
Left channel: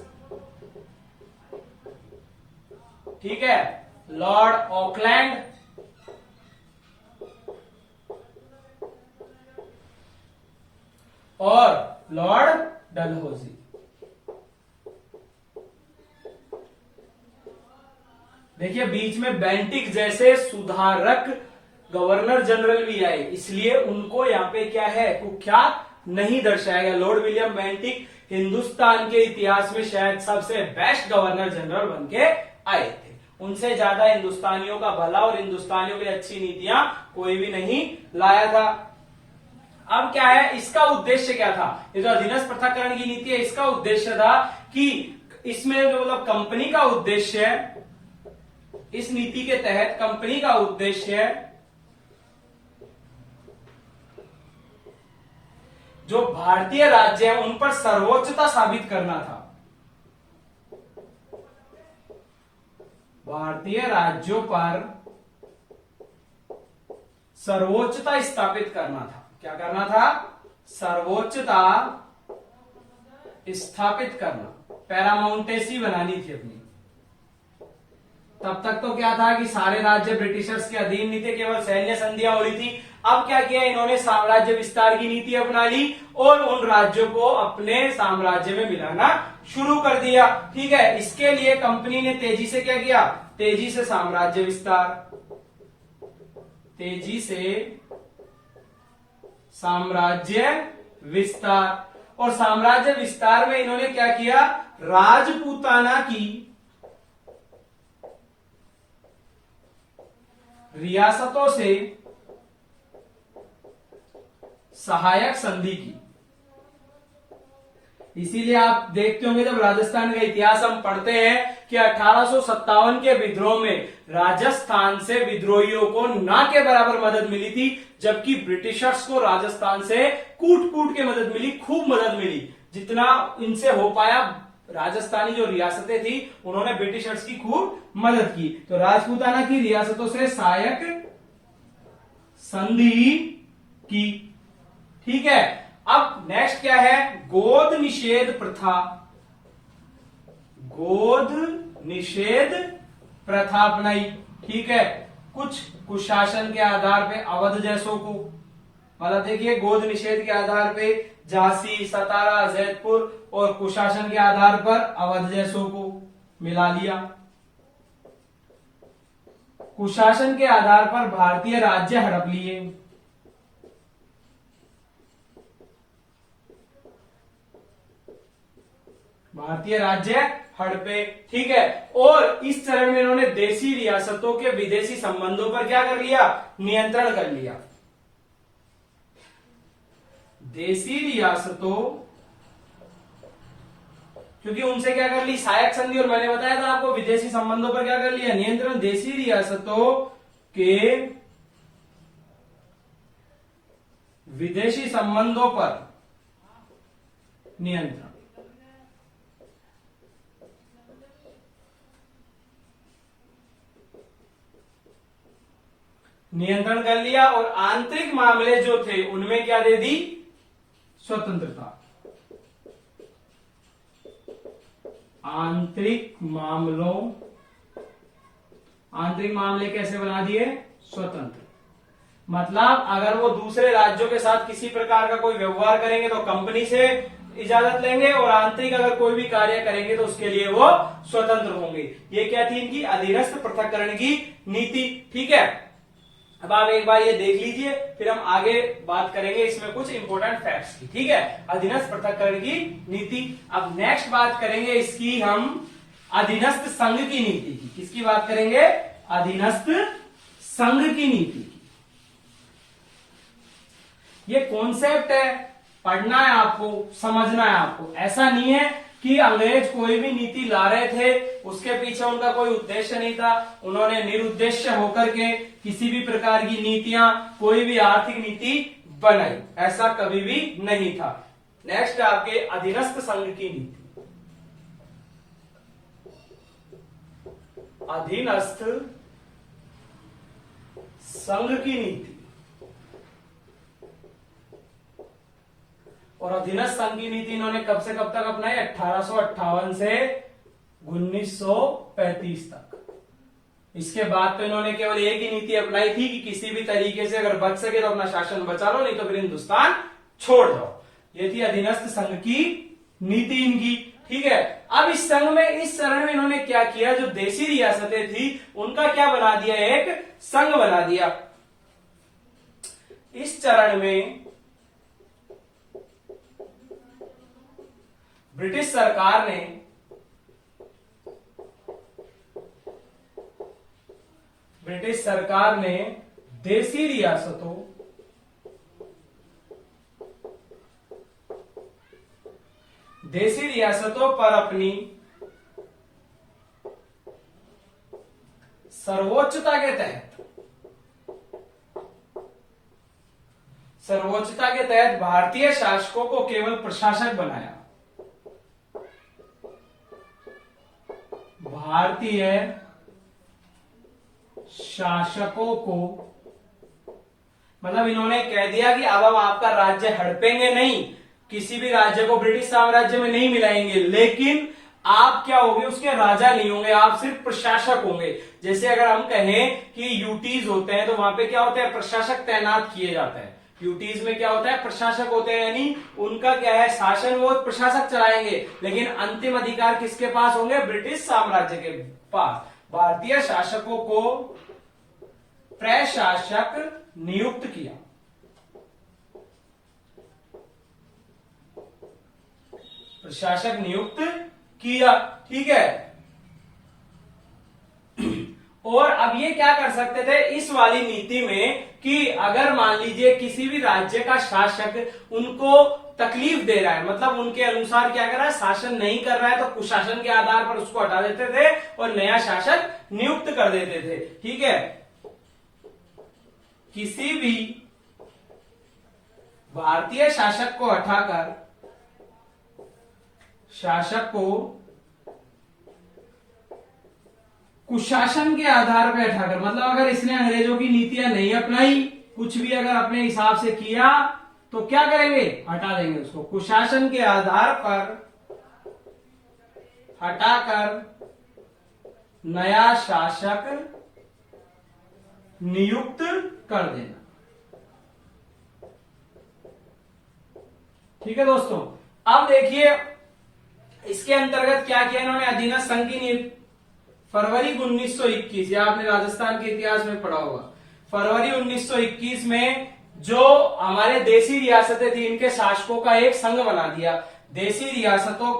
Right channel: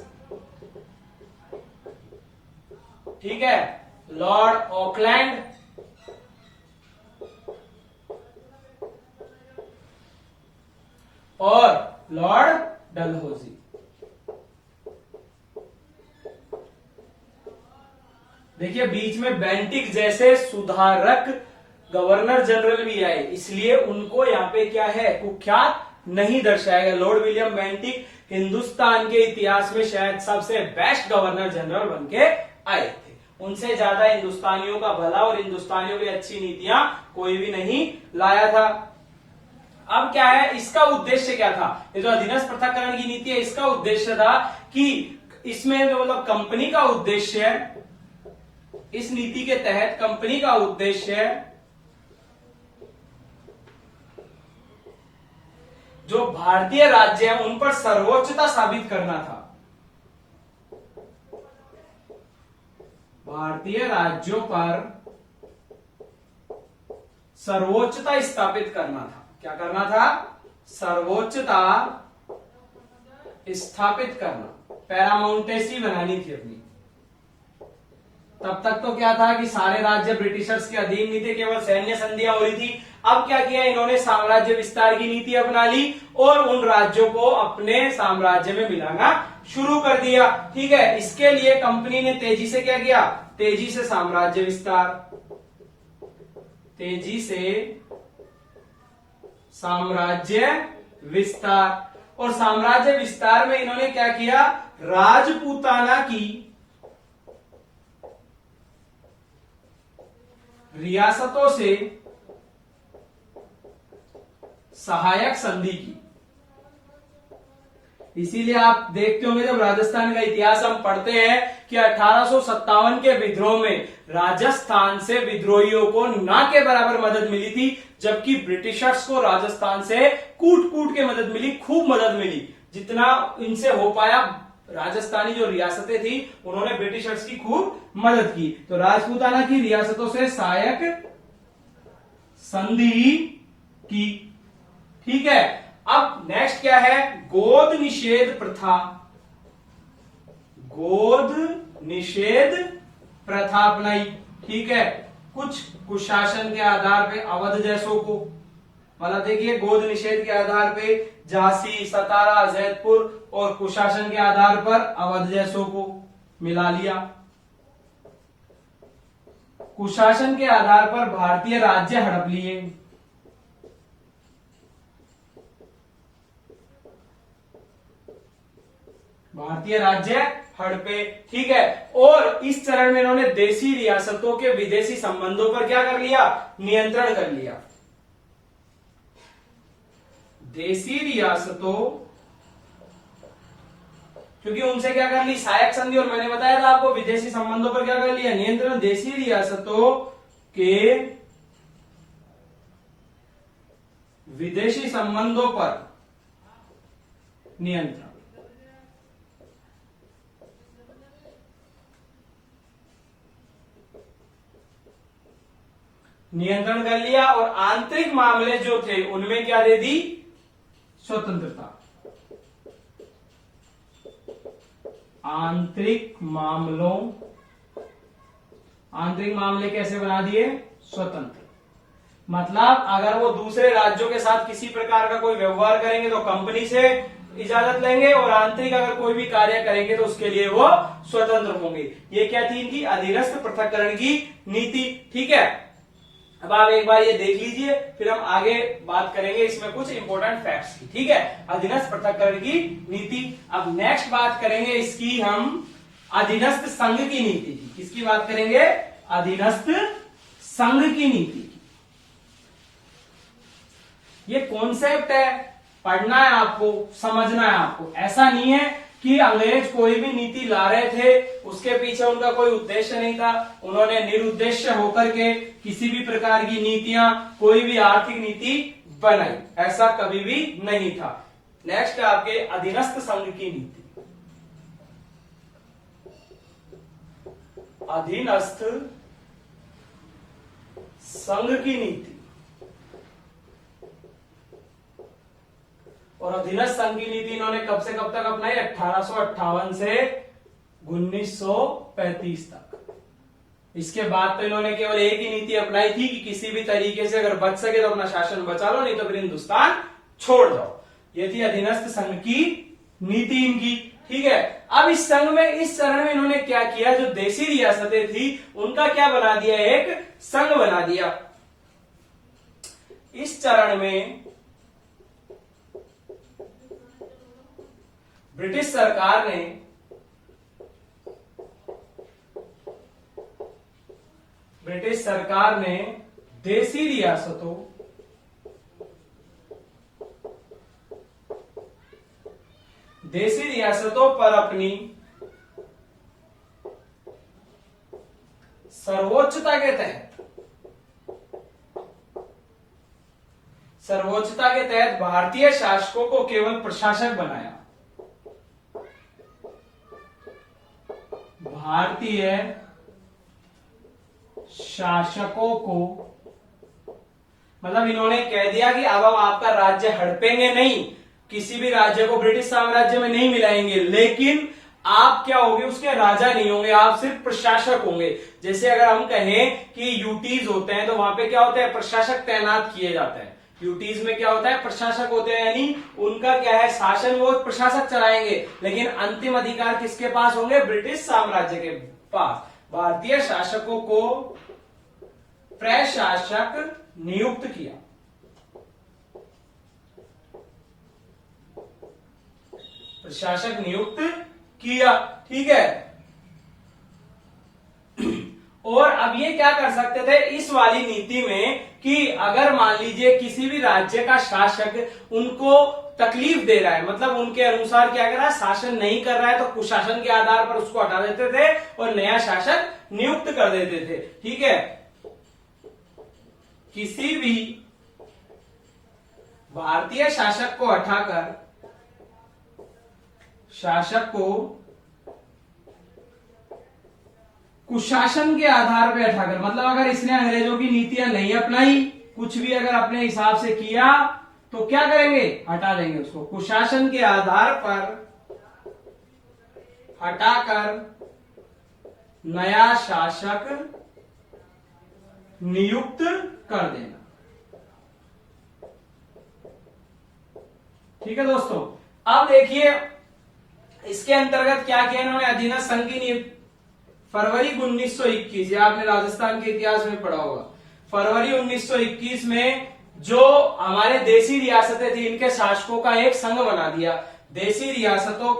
ठीक है, लॉर्ड ऑकलैंड और लॉर्ड डलहौजी। देखिए बीच में बेंटिक जैसे सुधारक गवर्नर जनरल भी आए, इसलिए उनको यहां पे क्या है, कुख्यात नहीं दर्शाया गया। लॉर्ड विलियम बेंटिक हिंदुस्तान के इतिहास में शायद सबसे बेस्ट गवर्नर जनरल बन के आए थे। उनसे ज्यादा हिंदुस्तानियों का भला और हिंदुस्तानियों की अच्छी नीतियां कोई भी नहीं लाया था। अब क्या है, इसका उद्देश्य क्या था, ये जो अधीनस्थ पृथक्करण की नीति है, इसका उद्देश्य था कि इसमें जो मतलब कंपनी का उद्देश्य है, इस नीति के तहत कंपनी का उद्देश्य है जो भारतीय राज्य है उन पर सर्वोच्चता साबित करना था। भारतीय राज्यों पर सर्वोच्चता स्थापित करना था। क्या करना था? सर्वोच्चता स्थापित करना, पैरामाउंटेसी बनानी थी अपनी। तब तक तो क्या था कि सारे राज्य ब्रिटिशर्स के अधीन नहीं थे, केवल सैन्य संधियां हो रही थी। अब क्या किया इन्होंने? साम्राज्य विस्तार की नीति अपना ली और उन राज्यों को अपने साम्राज्य में मिलाना शुरू कर दिया। ठीक है, इसके लिए कंपनी ने तेजी से क्या किया? तेजी से साम्राज्य विस्तार, तेजी से साम्राज्य विस्तार। और साम्राज्य विस्तार में इन्होंने क्या किया? राजपूताना की रियासतों से सहायक संधि की। इसीलिए आप देखते होंगे जब राजस्थान का इतिहास हम पढ़ते हैं कि 1857 के विद्रोह में राजस्थान से विद्रोहियों को ना के बराबर मदद मिली थी, जबकि ब्रिटिशर्स को राजस्थान से कूट कूट के मदद मिली, खूब मदद मिली। जितना इनसे हो पाया, राजस्थानी जो रियासतें थी उन्होंने ब्रिटिशर्स की खूब मदद की। तो राजपूताना की रियासतों से सहायक संधि की। ठीक है, अब नेक्स्ट क्या है? गोद निषेध प्रथा। गोद निषेध प्रथा अपनाई। ठीक है, कुछ कुशासन के आधार पे अवध जैसों को, मतलब देखिए गोद निषेध के आधार पे झांसी, सतारा, जैतपुर और कुशासन के आधार पर अवध जैसों को मिला लिया। कुशासन के आधार पर भारतीय राज्य हड़प लिए। भारतीय राज्य हड़पे। ठीक है, और इस चरण में इन्होंने देशी रियासतों के विदेशी संबंधों पर क्या कर लिया? नियंत्रण कर लिया। देशी रियासतों, क्योंकि उनसे क्या कर ली? सहायक संधि। और मैंने बताया था आपको विदेशी संबंधों पर क्या कर लिया? नियंत्रण। देशी रियासतों के विदेशी संबंधों पर नियंत्रण। नियंत्रण कर लिया और आंतरिक मामले जो थे उनमें क्या दे दी? स्वतंत्रता। आंतरिक मामले कैसे बना दिए? स्वतंत्र। मतलब अगर वो दूसरे राज्यों के साथ किसी प्रकार का कोई व्यवहार करेंगे तो कंपनी से इजाजत लेंगे, और आंतरिक अगर कोई भी कार्य करेंगे तो उसके लिए वो स्वतंत्र होंगे। ये क्या थी इनकी? अधीनस्थ पृथक्करण की नीति। ठीक है, अब आप एक बार ये देख लीजिए, फिर हम आगे बात करेंगे इसमें कुछ इंपॉर्टेंट फैक्ट्स की। ठीक है, अधीनस्थ पृथक्करण की नीति। अब नेक्स्ट बात करेंगे इसकी हम अधीनस्थ संघ की नीति की। किसकी बात करेंगे? अधीनस्थ संघ की नीति की। ये कॉन्सेप्ट है, पढ़ना है आपको, समझना है आपको। ऐसा नहीं है कि अंग्रेज कोई भी नीति ला रहे थे, उसके पीछे उनका कोई उद्देश्य नहीं था, उन्होंने निरुद्देश्य होकर के किसी भी प्रकार की नीतियां, कोई भी आर्थिक नीति बनाई, ऐसा कभी भी नहीं था। नेक्स्ट है आपके अधीनस्थ संघ की नीति। अधीनस्थ संघ की नीति। और अधीनस्थ संघ की नीति इन्होंने कब से कब तक अपनाई? 1858 से 1935 तक। इसके बाद तो इन्होंने केवल एक ही नीति अपनाई थी कि किसी भी तरीके से अगर बच सके तो अपना शासन बचा लो, नहीं तो फिर हिंदुस्तान छोड़ दो। ये थी अधीनस्थ संघ की नीति इनकी। ठीक है, अब इस संघ में, इस चरण में इन्होंने क्या किया? जो देशी रियासतें थी उनका क्या बना दिया? एक संघ बना दिया। इस चरण में ब्रिटिश सरकार ने देशी रियासतों पर अपनी सर्वोच्चता के तहत भारतीय शासकों को केवल प्रशासक बनाया। भारतीय शासकों को, मतलब इन्होंने कह दिया कि अब हम आपका राज्य हड़पेंगे नहीं, किसी भी राज्य को ब्रिटिश साम्राज्य में नहीं मिलाएंगे, लेकिन आप क्या होंगे, उसके राजा नहीं होंगे, आप सिर्फ प्रशासक होंगे। जैसे अगर हम कहें कि यूटीज होते हैं तो वहां पे क्या होता है, प्रशासक तैनात किए जाते हैं। यूटीज में क्या होता है, प्रशासक होते हैं, यानी उनका क्या है, शासन वो प्रशासक चलाएंगे, लेकिन अंतिम अधिकार किसके पास होंगे, ब्रिटिश साम्राज्य के पास। भारतीय शासकों को प्रशासक नियुक्त किया, प्रशासक नियुक्त किया, ठीक है। और अब ये क्या कर सकते थे इस वाली नीति में कि अगर मान लीजिए किसी भी राज्य का शासक उनको तकलीफ दे रहा है, मतलब उनके अनुसार क्या कर रहा है, शासन नहीं कर रहा है, तो कुशासन के आधार पर उसको हटा देते थे और नया शासक नियुक्त कर देते थे, ठीक है। किसी भी भारतीय शासक को हटाकर शासक को कुशासन के आधार पर हटाकर, मतलब अगर इसने अंग्रेजों की नीतियां नहीं अपनाई, कुछ भी अगर अपने हिसाब से किया तो क्या करेंगे, हटा देंगे उसको। कुशासन के आधार पर हटाकर नया शासक नियुक्त कर देना, ठीक है दोस्तों। अब देखिए इसके अंतर्गत क्या किया इन्होंने, अधीनस्थ संघ की फरवरी 1921, या आपने राजस्थान के इतिहास में पढ़ा होगा, फरवरी 1921 में जो हमारे देसी रियासतें थी इनके शासकों का एक संघ बना दिया, देसी रियासतों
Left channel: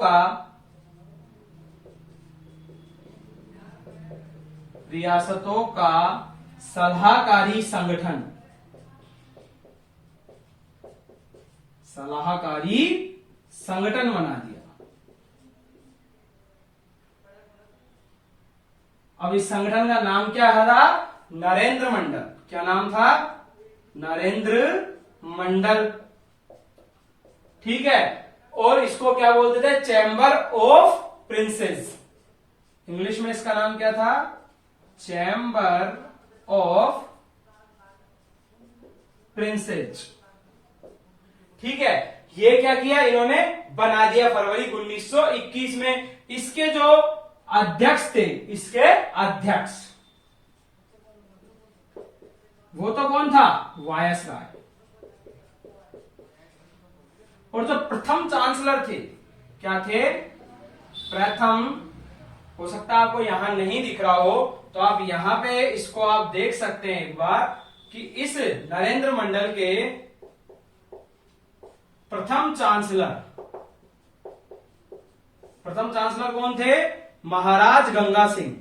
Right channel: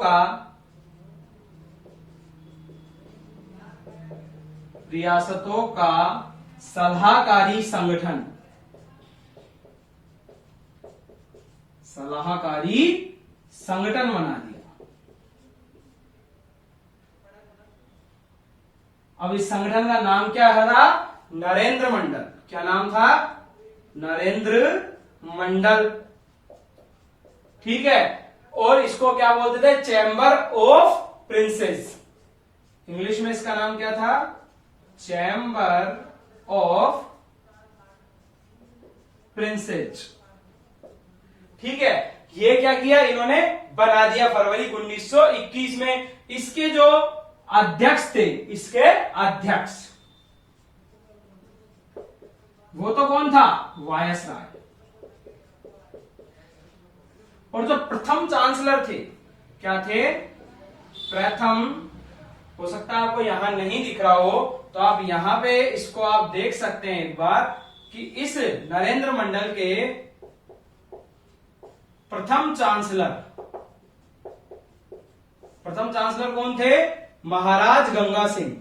का सलाहकारी संगठन, सलाहकारी संगठन बना दिया। अब इस संगठन का नाम क्या था, नरेंद्र मंडल। क्या नाम था, नरेंद्र मंडल, ठीक है। और इसको क्या बोलते थे, चैम्बर ऑफ प्रिंसेस, इंग्लिश में इसका नाम क्या था, चैम्बर ऑफ प्रिंसेस, ठीक है। ये क्या किया इन्होंने, बना दिया फरवरी 1921 में। इसके जो अध्यक्ष थे, इसके अध्यक्ष वो तो कौन था, वायसराय। और जो प्रथम चांसलर थे, क्या थे, प्रथम, हो सकता है आपको यहां नहीं दिख रहा हो तो आप यहां पे इसको आप देख सकते हैं एक बार, कि इस नरेंद्र मंडल के प्रथम चांसलर कौन थे, महाराज गंगा सिंह।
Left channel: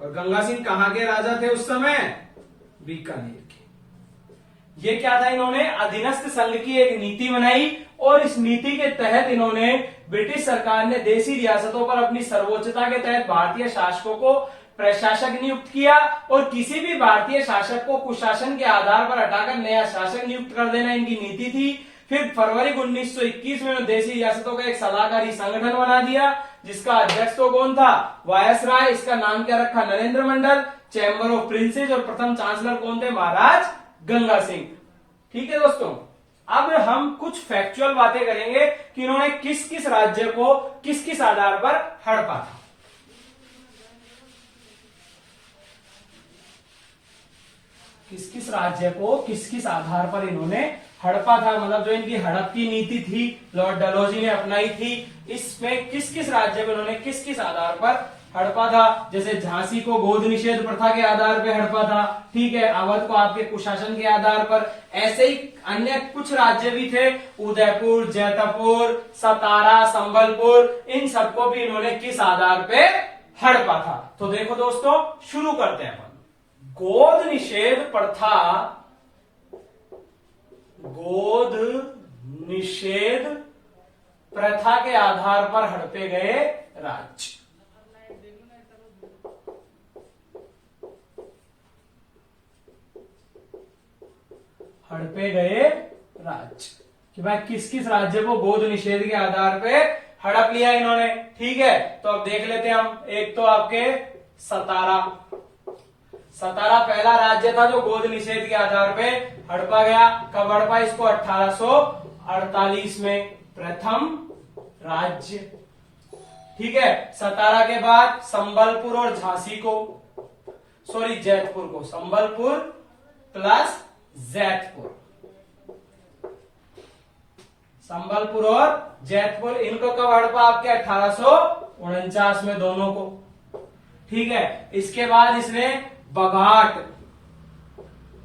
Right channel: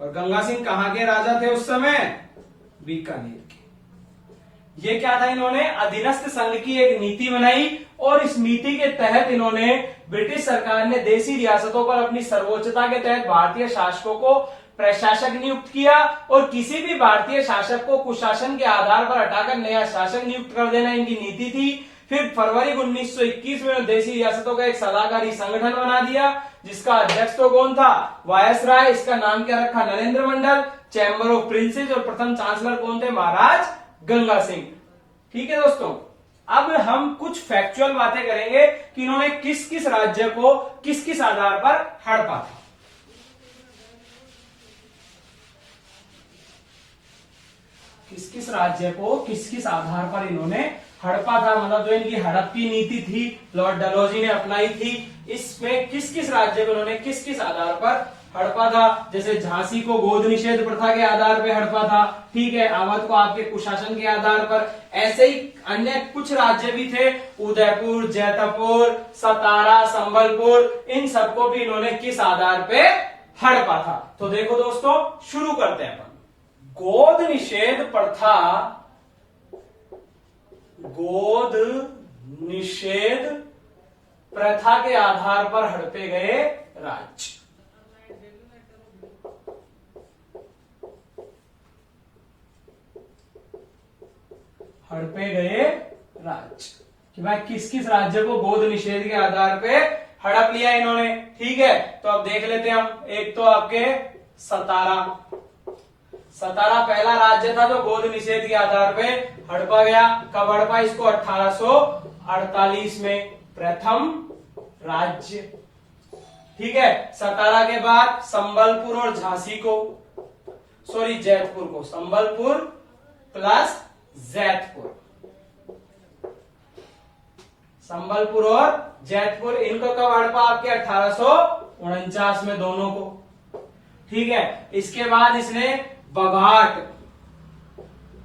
और गंगा सिंह कहां के राजा थे उस समय, बीकानेर के। ये क्या था, इन्होंने अधीनस्थ संघ की एक नीति बनाई और इस नीति के तहत इन्होंने, ब्रिटिश सरकार ने देसी रियासतों पर अपनी सर्वोच्चता के तहत भारतीय शासकों को प्रशासक नियुक्त किया और किसी भी भारतीय शासक को कुशासन के आधार पर हटाकर नया शासक नियुक्त कर देना इनकी नीति थी। फिर फरवरी 1921 में देसी रियासतों का एक सलाहकारी संगठन बना दिया जिसका अध्यक्ष तो कौन था, वायसराय। इसका नाम क्या रखा, नरेंद्र मंडल, चैम्बर ऑफ प्रिंसेस, और प्रथम चांसलर कौन थे, महाराज गंगा सिंह। ठीक है दोस्तों, अब हम कुछ फैक्चुअल बातें करेंगे कि इन्होंने किस किस राज्य को किस किस आधार पर हड़पा था। किस किस राज्य को किस किस आधार पर इन्होंने हड़पा था, मतलब जो इनकी हड़प की नीति थी लॉर्ड डलहौजी ने अपनाई थी, इसमें किस किस राज्य को इन्होंने किस किस आधार पर हड़पा था। जैसे झांसी को गोद निषेध प्रथा के आधार पर हड़पा था, ठीक है, अवध को आपके कुशासन के आधार पर। ऐसे ही अन्य कुछ राज्य भी थे, उदयपुर, जैतपुर, सतारा, संबलपुर, इन सबको भी इन्होंने किस आधार पे हड़पा था। तो देखो दोस्तों, शुरू करते हैं अपन। गोद निषेध प्रथा, गोद निषेध प्रथा के आधार पर हड़पे गए राज्य। हड़पे गए राज्य, कि भाई किस किस राज्य को गोद निषेध के आधार पे हड़प लिया इन्होंने। ठीक है, तो अब देख लेते हैं हम। एक तो आपके सतारा, सतारा पहला राज्य था जो गोद निषेध के आधार पे हड़पा गया। कब हड़पा इसको? 1848 में, प्रथम राज्य। ठीक है, सतारा के बाद संबलपुर और झांसी को, सॉरी जैतपुर को, संबलपुर प्लस जैतपुर, संबलपुर और जैतपुर, इनको कब हड़पा? आपके 1849 में, दोनों को। ठीक है, इसके बाद इसने बघाट,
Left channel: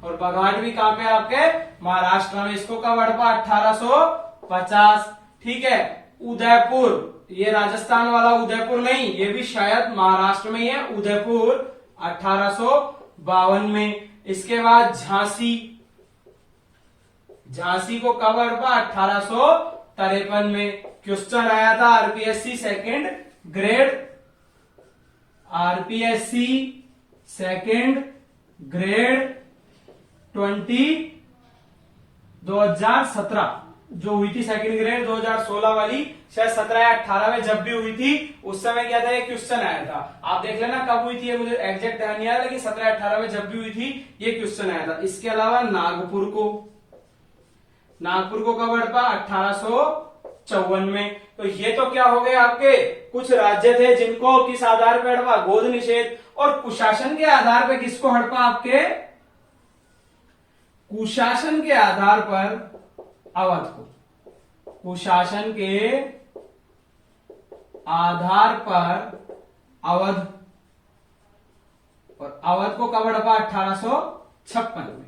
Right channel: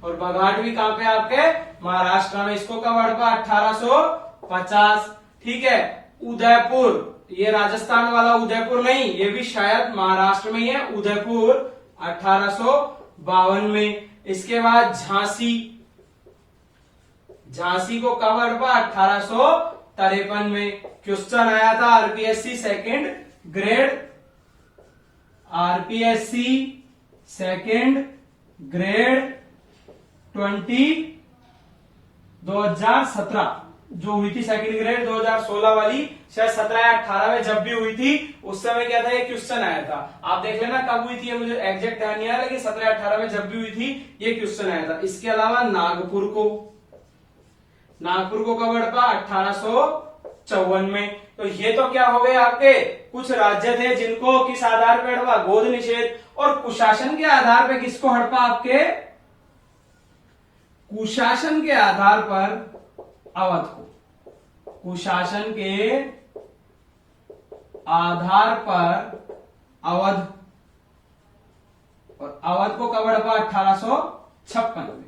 और बघाट भी कहां पे? आपके महाराष्ट्र में, इसको कब हड़पा? 1850। ठीक है, उदयपुर, ये राजस्थान वाला उदयपुर नहीं, ये भी शायद महाराष्ट्र में ही है, उदयपुर 1852 में। इसके बाद झांसी, झांसी को कब हड़पा? 1853 में। क्वेश्चन आया था RPSC second grade, RPSC second grade 2017 जो हुई थी, सेकंड ग्रेड 2016 वाली, शायद 17 या 18 में जब भी हुई थी, उस समय क्या था? ये क्वेश्चन आया था। आप देख लेना कब हुई थी, मुझे एग्जैक्ट ध्यान नहीं आ रहा, लेकिन 17 या 18 में जब भी हुई थी ये क्वेश्चन आया था। इसके अलावा नागपुर को, नागपुर को कब हड़पा? 1854 में। तो ये तो क्या हो गए आपके कुछ राज्य थे जिनको किस आधार पर हड़पा? गोद निषेध। और कुशासन के आधार पर किसको हड़पा? आपके कुशासन के आधार पर अवध को, कुशासन के आधार पर अवध, और अवध को कब हड़पा? 1856 में।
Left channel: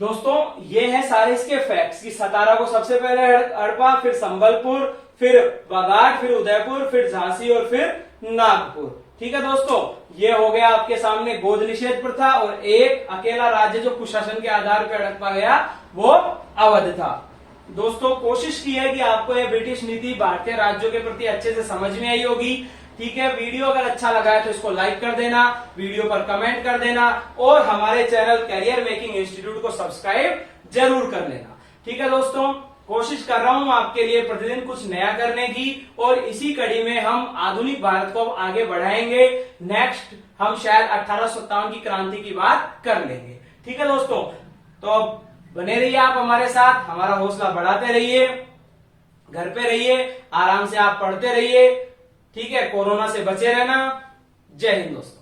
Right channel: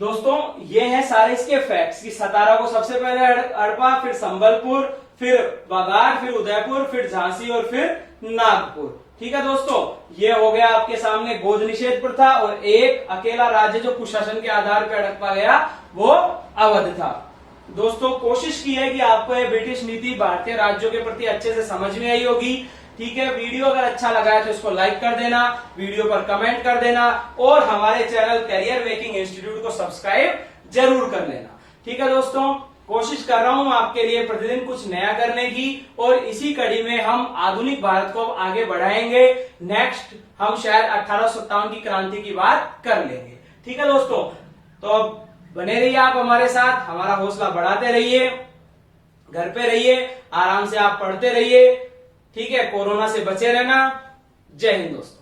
दोस्तों ये है सारे इसके फैक्ट्स कि सतारा को सबसे पहले हड़पा, फिर संबलपुर, फिर बघाट, फिर उदयपुर, फिर झांसी और फिर नागपुर। ठीक है दोस्तों, ये हो गया आपके सामने गोद निषेध प्रथा, और एक अकेला राज्य जो कुशासन के आधार पर हड़पा गया वो अवध था। दोस्तों कोशिश की है कि आपको ये ब्रिटिश नीति भारतीय राज्यों के प्रति अच्छे से समझ में आई होगी। ठीक है, वीडियो अगर अच्छा लगा है तो इसको लाइक कर देना, वीडियो पर कमेंट कर देना, और हमारे चैनल कैरियर मेकिंग इंस्टीट्यूट को सब्सक्राइब जरूर कर लेना। ठीक है दोस्तों, कोशिश कर रहा हूं आपके लिए प्रतिदिन कुछ नया करने की, और इसी कड़ी में हम आधुनिक भारत को आगे बढ़ाएंगे। नेक्स्ट हम शायद 1857 की क्रांति की बात कर लेंगे। ठीक है दोस्तों, तो बने रहिए आप हमारे साथ, हमारा हौसला बढ़ाते रहिए, घर पे रहिए, आराम से आप पढ़ते रहिए। ठीक है, कोरोना से बचे रहना। जय हिंद दोस्तों।